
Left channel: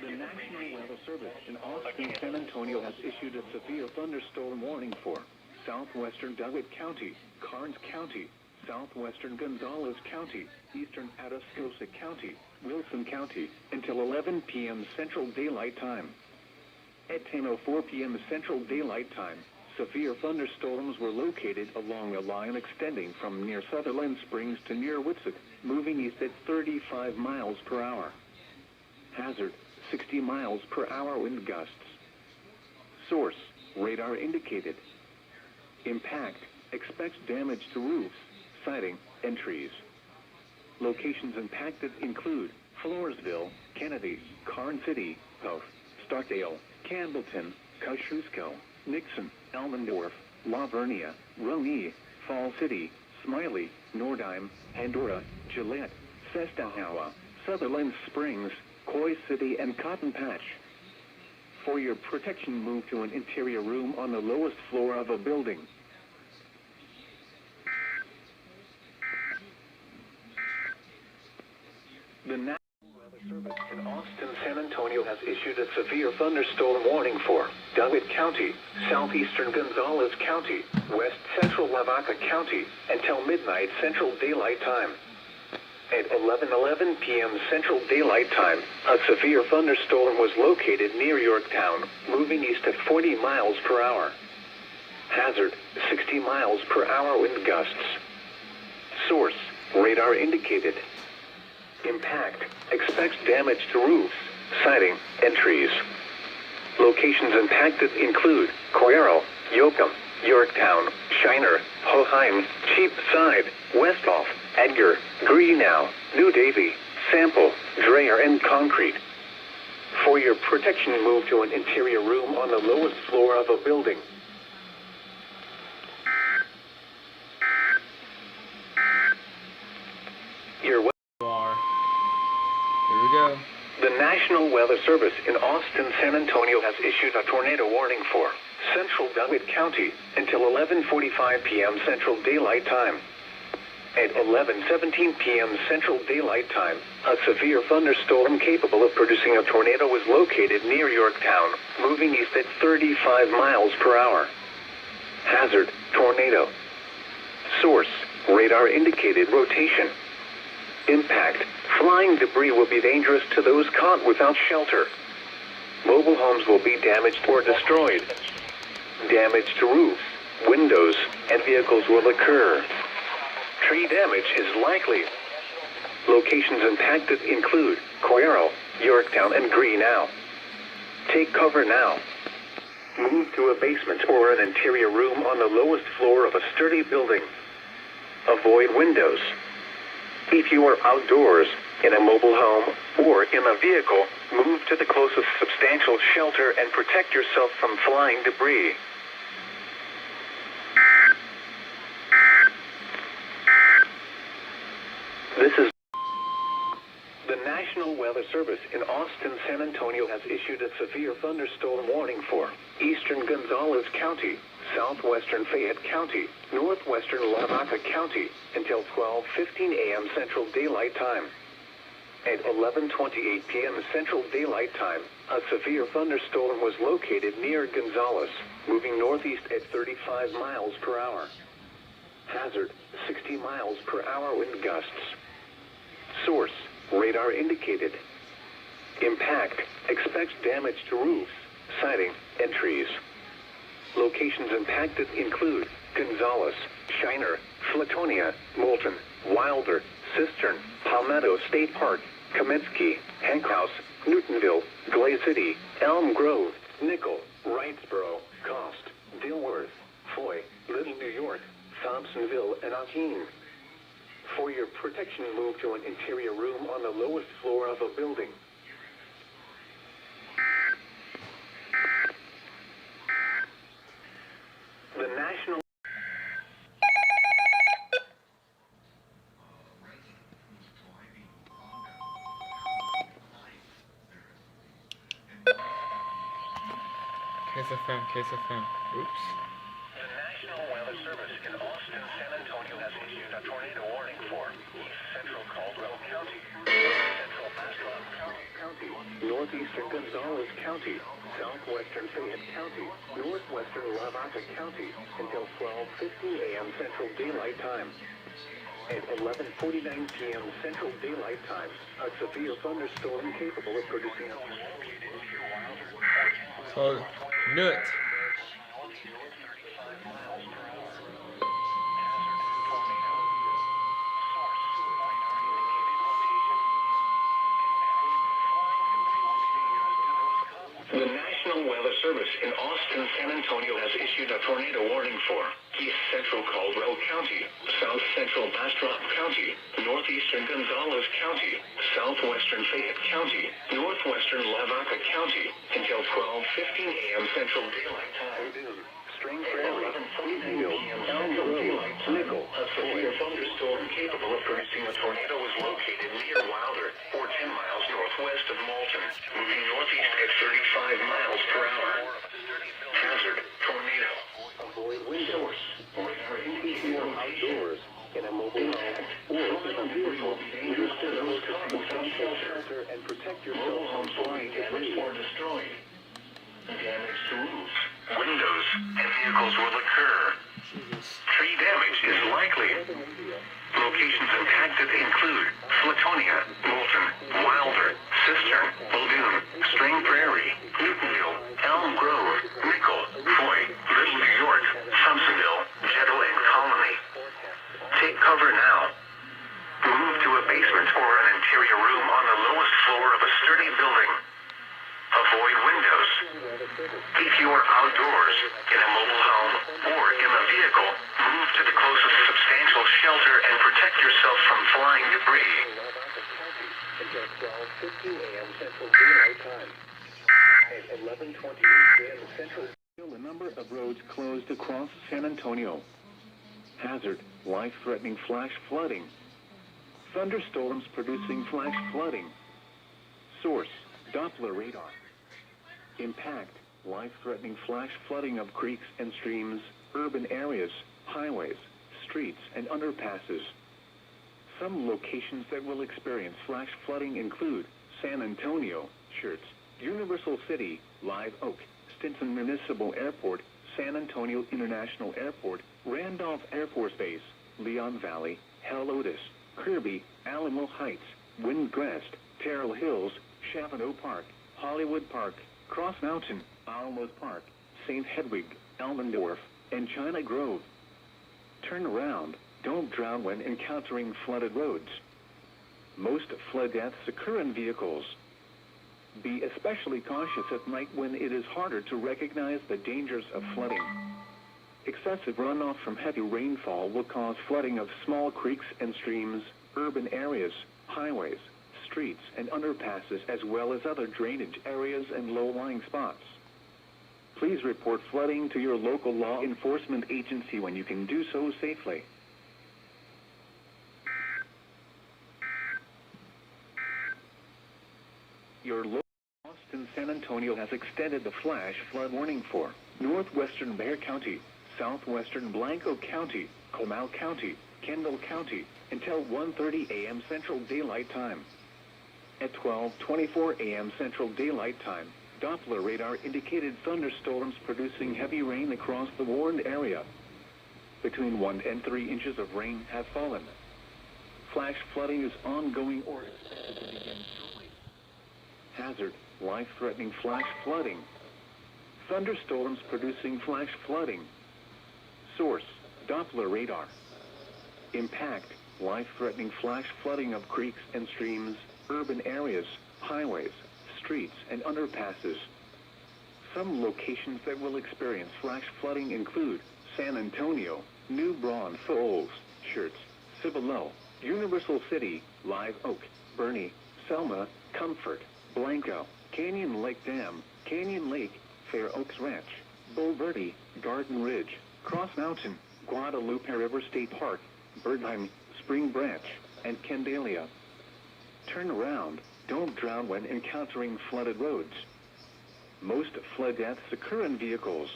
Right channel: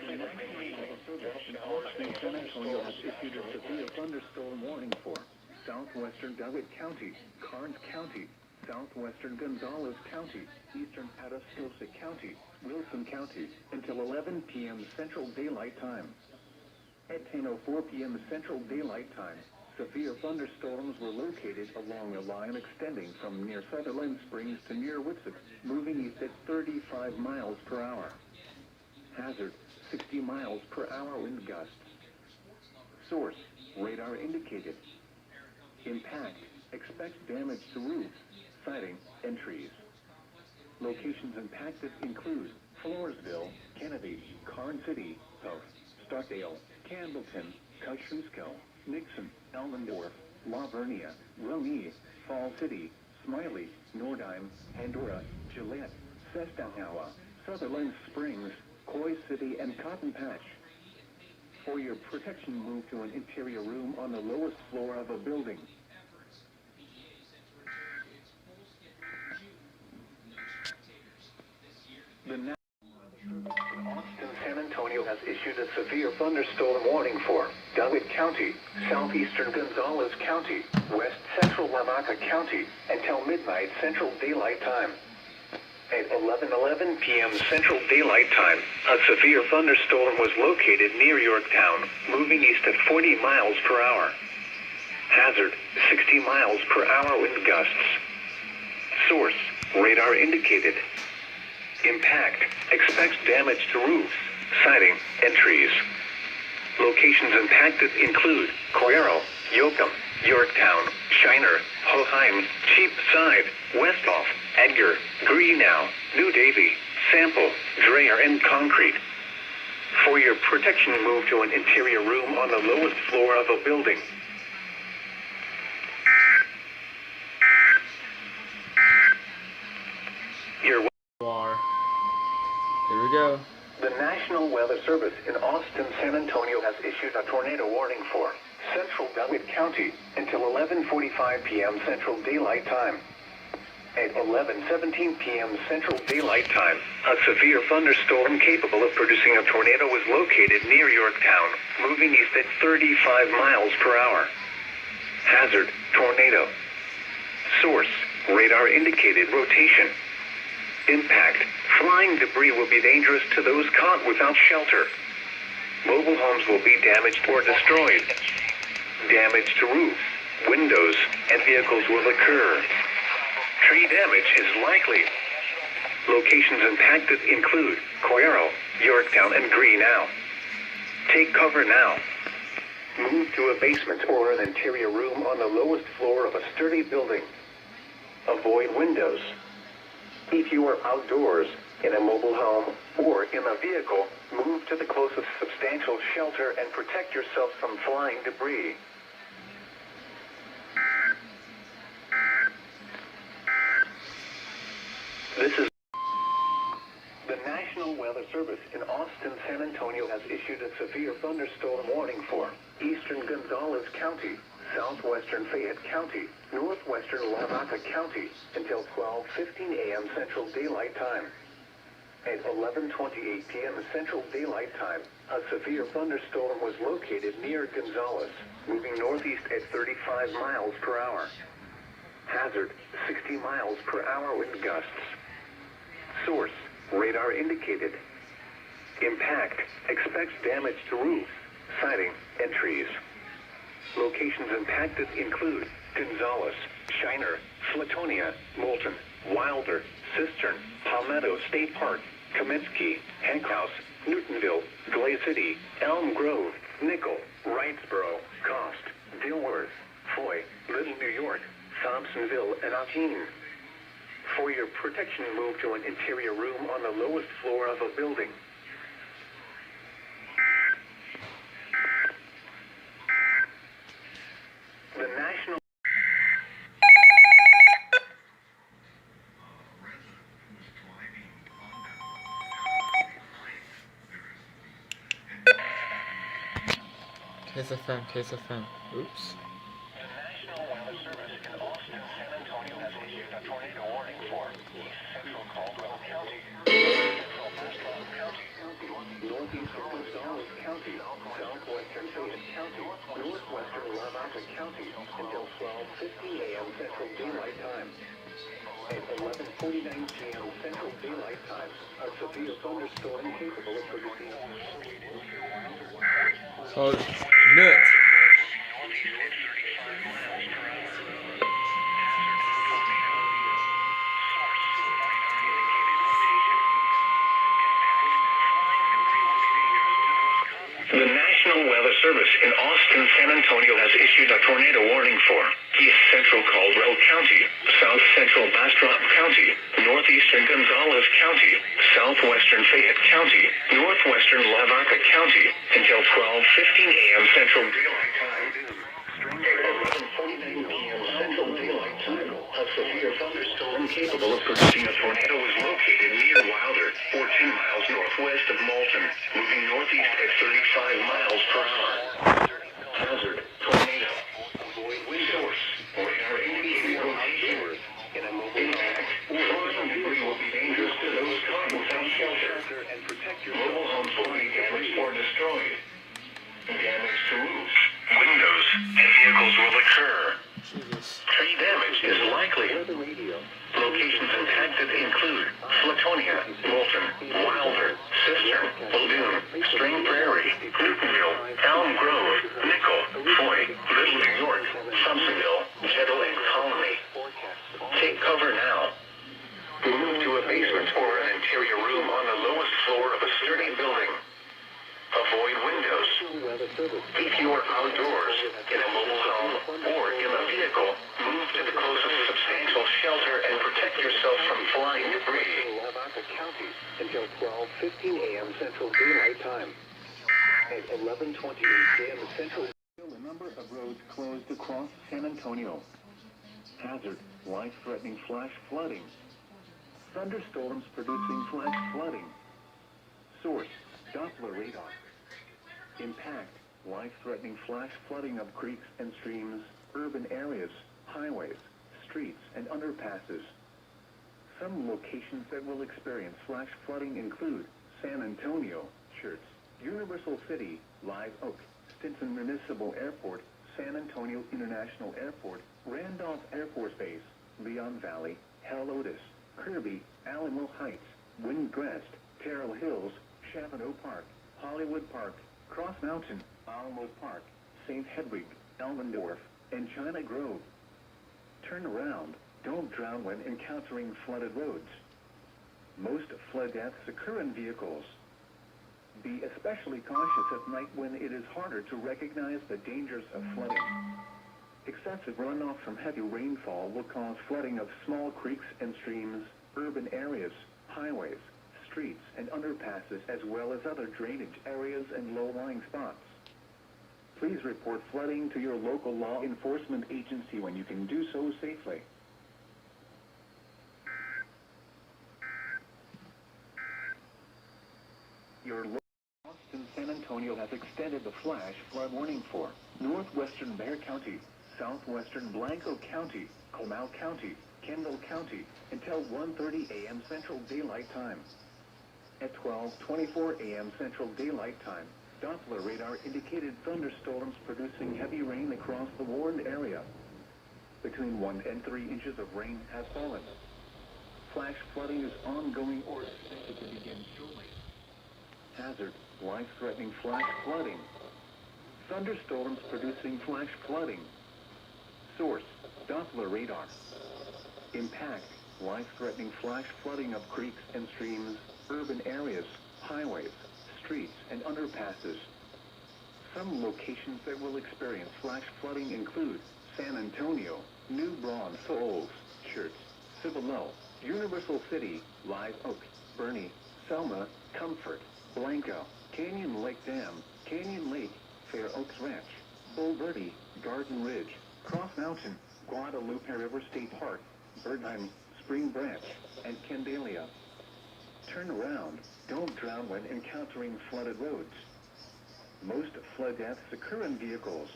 The National Weather Service in Austin, San Antonio has issued a severe thunderstorm warning for southwestern DeWitt County, Karnes County, southwestern Gonzales County, eastern Atascosa County, Wilson County, until 11 p.m. Central Daylight Time. At 10:04 p.m. Central Daylight Time, Severe thunderstorms were located along a line extending from near Sutherland Springs to near Witsuck, moving east at 35 miles per hour. Hazard, 60 miles per hour wind gusts. Source, radar indicated. Impact, expects damage to roofs, siding, and trees. Locations impacted include Floresville, Kennedy, Carn City, Poth, Stockdale, Campbellton, Kosciuszko, Nixon, Elmendorf, La Vernia, Roni, Fall City, Smiley, Nordheim, Pandora, Gillette, Sestanawa, Sutherland Springs, Coy City, and Cotton Patch. For your protection, move to an interior room on the lowest floor of a building. The National Weather Service in Austin, San Antonio has issued a severe thunderstorm warning for Dunwoody County, southeastern Gonzales County, west central Lavaca County, until midnight Central Daylight Time. At 11:11 p.m. Central Daylight Time, a severe thunderstorm was located near Yorktown, moving east at 40 miles per hour. Hazard, 60 miles per hour wind gusts. Source, radar indicated. Impact, expects damage to roofs, siding, and trees. Locations impacted include Coyero, Yoakum, Yorktown, Shiner, Hoheim, Cheapside, Westhoff, Edgar, Greenow, New Davie, Sample, Dreher, and Concrete. For your protection, move to an interior room on the lowest floor of a building. Here we go. The National Weather Service in Austin, San Antonio has issued a tornado warning for central Dunwoody County until 11:45 p.m. Central Daylight Time. At 11:17 p.m. Central Daylight Time, a severe thunderstorm capable of producing a tornado was located near Yorktown, moving east at 35 miles per hour. Hazard, tornado. Source, radar indicated rotation. Impact, flying debris will be dangerous to those caught without shelter. Mobile homes will be damaged or destroyed. Damage to roofs, windows, and vehicles will occur. Tree damage is likely. Locations impacted include Coyero, Yorktown, and Greenow. Take cover now. Move to a basement or an interior room on the lowest floor of a sturdy building. Avoid windows. If you are outdoors, in a mobile home, or in a vehicle, move to the closest substantial shelter and protect yourself from flying debris. This is the National Weather Service in Austin, San Antonio has issued a severe thunderstorm warning for eastern Gonzales County, southwestern Fayette County, northwestern Lavaca County until 12:15 a.m. Central Daylight Time. At 11:28 p.m. Central Daylight Time, a severe thunderstorm was located near Gonzales, moving northeast at 35 miles per hour. Hazard, 60 miles per hour wind gusts. Source, radar indicated. Impact, expects damage to roofs, siding, and trees. Locations impacted include Gonzales, Shiner, Flatonia, Moulton, Wilder, Cistern, Palmetto State Park, Kaminsky, Hank House, Newtonville, Glade City, Elm Grove, Nickel, Wrightsboro, Cost, Dilworth, Foy, Little New York, Thompsonville, and Augene. For your protection, move to an interior room on the lowest floor of a building. The National KSFM. Oops. The National Weather Service in Austin, San Antonio has issued a tornado warning for east central Caldwell County, central Bastrop County, northeastern Gonzales County, southwestern Fayette County, northwestern Lavaca County until 12:50 a.m. Central Daylight Time. At 11:49 p.m. Central Daylight Time, a severe thunderstorm capable of producing So, nut. Weather Service in Austin, San Antonio has issued a tornado warning for East Central Caldwell County, South Central Bastrop County, Northeastern Gonzales County, Southwestern Fayette County, Northwestern Lavaca County until 12:15 a.m. Central Daylight Time. At 11:49 p.m. Central Daylight Time, a severe thunderstorm capable of producing a tornado is located near Wilder, 14 miles northwest of Malton, moving northeast at 35 miles per hour. Hazard, tornado. Avoid wind source. Radar indicating outdoors in a mobile home. Flying debris will be dangerous to those caught without shelter. And protect your mobile homes will be damaged or destroyed. Damage to roofs, windows, and vehicles will occur. Tree damage is likely. Locations impacted include Flatonia, Moulton, Wilder, Cistern, Muldoon, Spring Prairie, Newtonville, Elm Grove, Nickel, Foy, Little Resort, Thompsonville, Jettle, and Colony. Take cover now. Move to a basement or an interior room on the lowest floor of a sturdy building. Avoid windows. If you are outdoors, in a mobile home, or in a vehicle, move to the closest substantial shelter and protect yourself from flying debris. Until 12:15 a.m. Central Daylight Time. At 11:28 a.m. Central. The number of roads closed across San Antonio. Hazard, life-threatening flash flooding. Thunderstorms producing flash flooding. Source, Doppler radar. Impact, life-threatening flash flooding of creeks and streams, urban areas, highways, streets, and underpasses. Some locations that will experience flash flooding include San Antonio, Schertz, Universal City, Live Oak, Stinson Municipal Airport, San Antonio International Airport, Randolph Air Force Base, Leon Valley, Helotes, Kirby, Alamo Heights, Windcrest, Terrell Hills, Chavano Park, Hollywood Park, Cross Mountain, Alamo Park, St. Hedwig, Elmendorf, and China Grove. Turn around. Don't drown when encountering flooded roads. Most flood deaths occur in vehicles. Be especially cautious at night when it is harder to recognize the dangers of flooding. Excessive runoff from heavy rainfall will cause flooding of small creeks and streams, urban areas, highways, streets, and underpasses, as well as other drainage areas and low-lying spots. Please report flooding to your local law enforcement agency when you can do so safely. Your local Austin, San Antonio has extended the flash flood warning for northwestern Bexar County, southwestern Blanco County, Comal County, Kendall County, until 1:30 a.m. Central Daylight Time. At 12:24 a.m. Central Daylight Time, Doppler radar indicated thunderstorms producing heavy rain across the warned area. Between 1 and 3 inches of rain have fallen. Flash flooding is ongoing or expected to begin shortly. Hazard, life-threatening flash flooding. Thunderstorms producing flash flooding. Source, Doppler radar. Impact, life-threatening flash flooding of creeks and streams, urban areas, highways, streets, and underpasses. Some locations that will experience flash flooding include San Antonio, New Braunfels, Schertz, Cibolo, Universal City, Live Oak, Bernie, Selma, Comfort, Blanco, Canyon Lake Dam, Canyon Lake, Fair Oaks Ranch, Bull Verde, Garden Ridge, Cross Mountain, Guadalupe River State Park, Birdheim, Spring Branch, and Candelia. Turn around. Don't drown when encountering flooded roads. Most flood deaths occur in vehicles.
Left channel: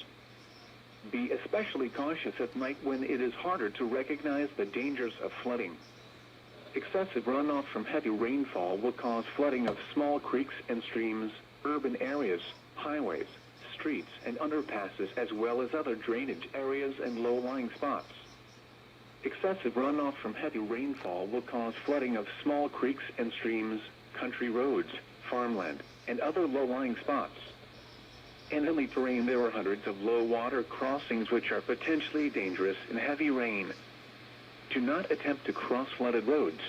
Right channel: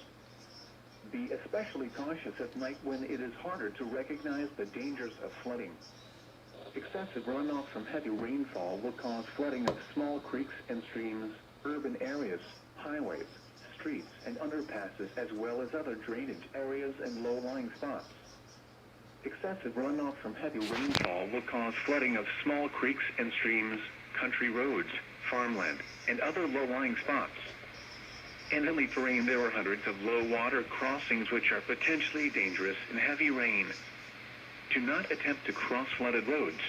Be especially cautious at night when it is harder to recognize the dangers of flooding. Excessive runoff from heavy rainfall will cause flooding of small creeks and streams, urban areas, highways, streets, and underpasses, as well as other drainage areas and low-lying spots. Excessive runoff from heavy rainfall will cause flooding of small creeks and streams, country roads, farmland, and other low-lying spots. In hilly terrain, there are hundreds of low-water crossings which are potentially dangerous in heavy rain. Do not attempt to cross flooded roads.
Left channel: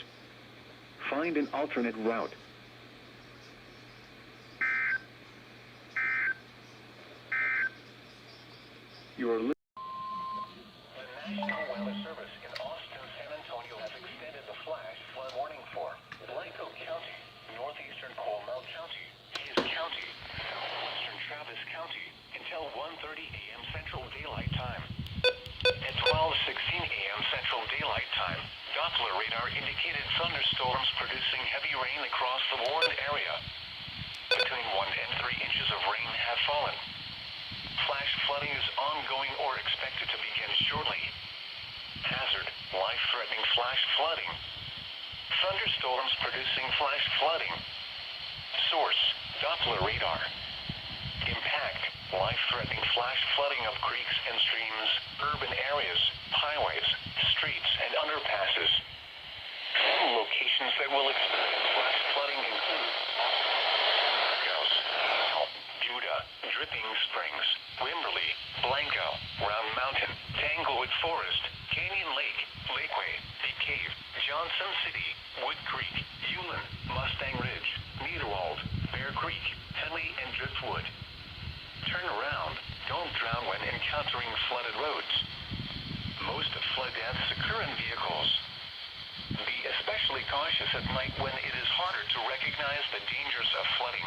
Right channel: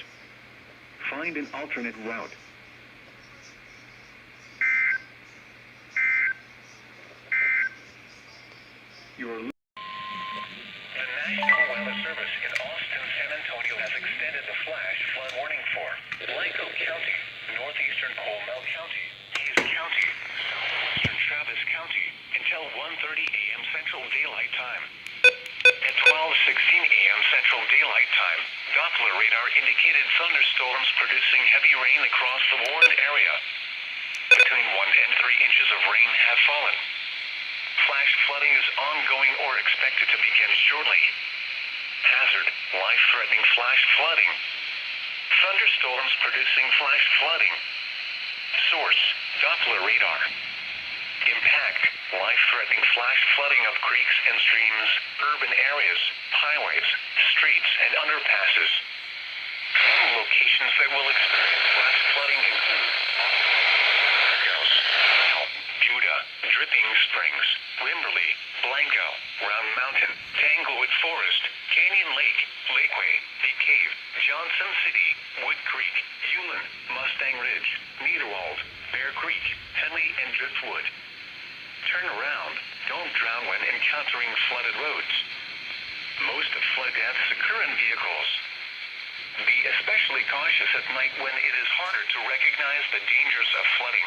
Find an alternate route. Your The National Weather Service in Austin, San Antonio has extended the flash flood warning for Blanco County, northeastern Comal County, Hayes County, southwestern Travis County until 1:30 a.m. Central Daylight Time. At 12:16 a.m. Central Daylight Time, Doppler radar indicated thunderstorms producing heavy rain across the warned area. Between 1 and 3 inches of rain have fallen. Flash flooding is ongoing or expected to begin shortly. Hazard, life-threatening flash flooding. Thunderstorms producing flash flooding. Source, Doppler radar. Impact, life-threatening flash flooding of creeks and streams, urban areas, highways, streets, and underpasses. Some locations that will experience flash flooding include Buda, Dripping Springs, Wimberley, Blanco, Round Mountain, Tanglewood Forest, Canyon Lake, Lakeway, Big Cave, Johnson City, Wood Creek, Hewlin, Mustang Ridge, Niederwald, Bear Creek, Henley, and Driftwood. Turn around. Don't drown when encountering flooded roads. Most flood deaths occur in vehicles. Be especially cautious at night when it is harder to recognize the dangers of flooding.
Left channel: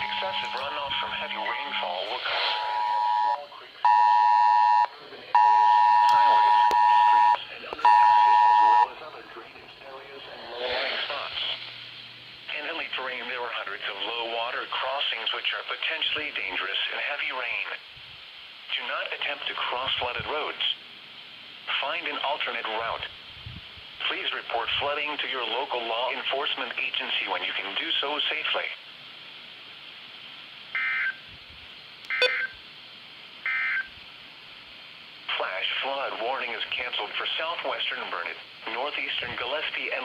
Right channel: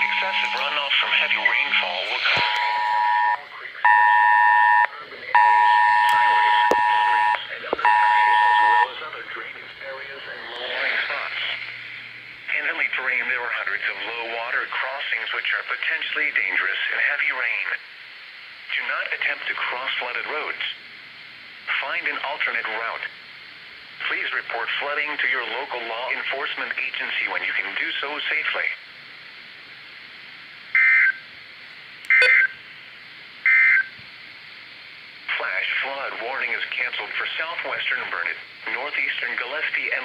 Excessive runoff from heavy rainfall will cause small creeks and streams, urban areas, highways, streets, and underpasses, as well as other drainage areas and low-lying spots. In hilly terrain, there are hundreds of low-water crossings which are potentially dangerous in heavy rain. Do not attempt to cross flooded roads. Find an alternate route. Please report flooding to your local law enforcement agency when you can do so safely. Flash flood warning is canceled for southwestern Burnett, northeastern Gillespie, and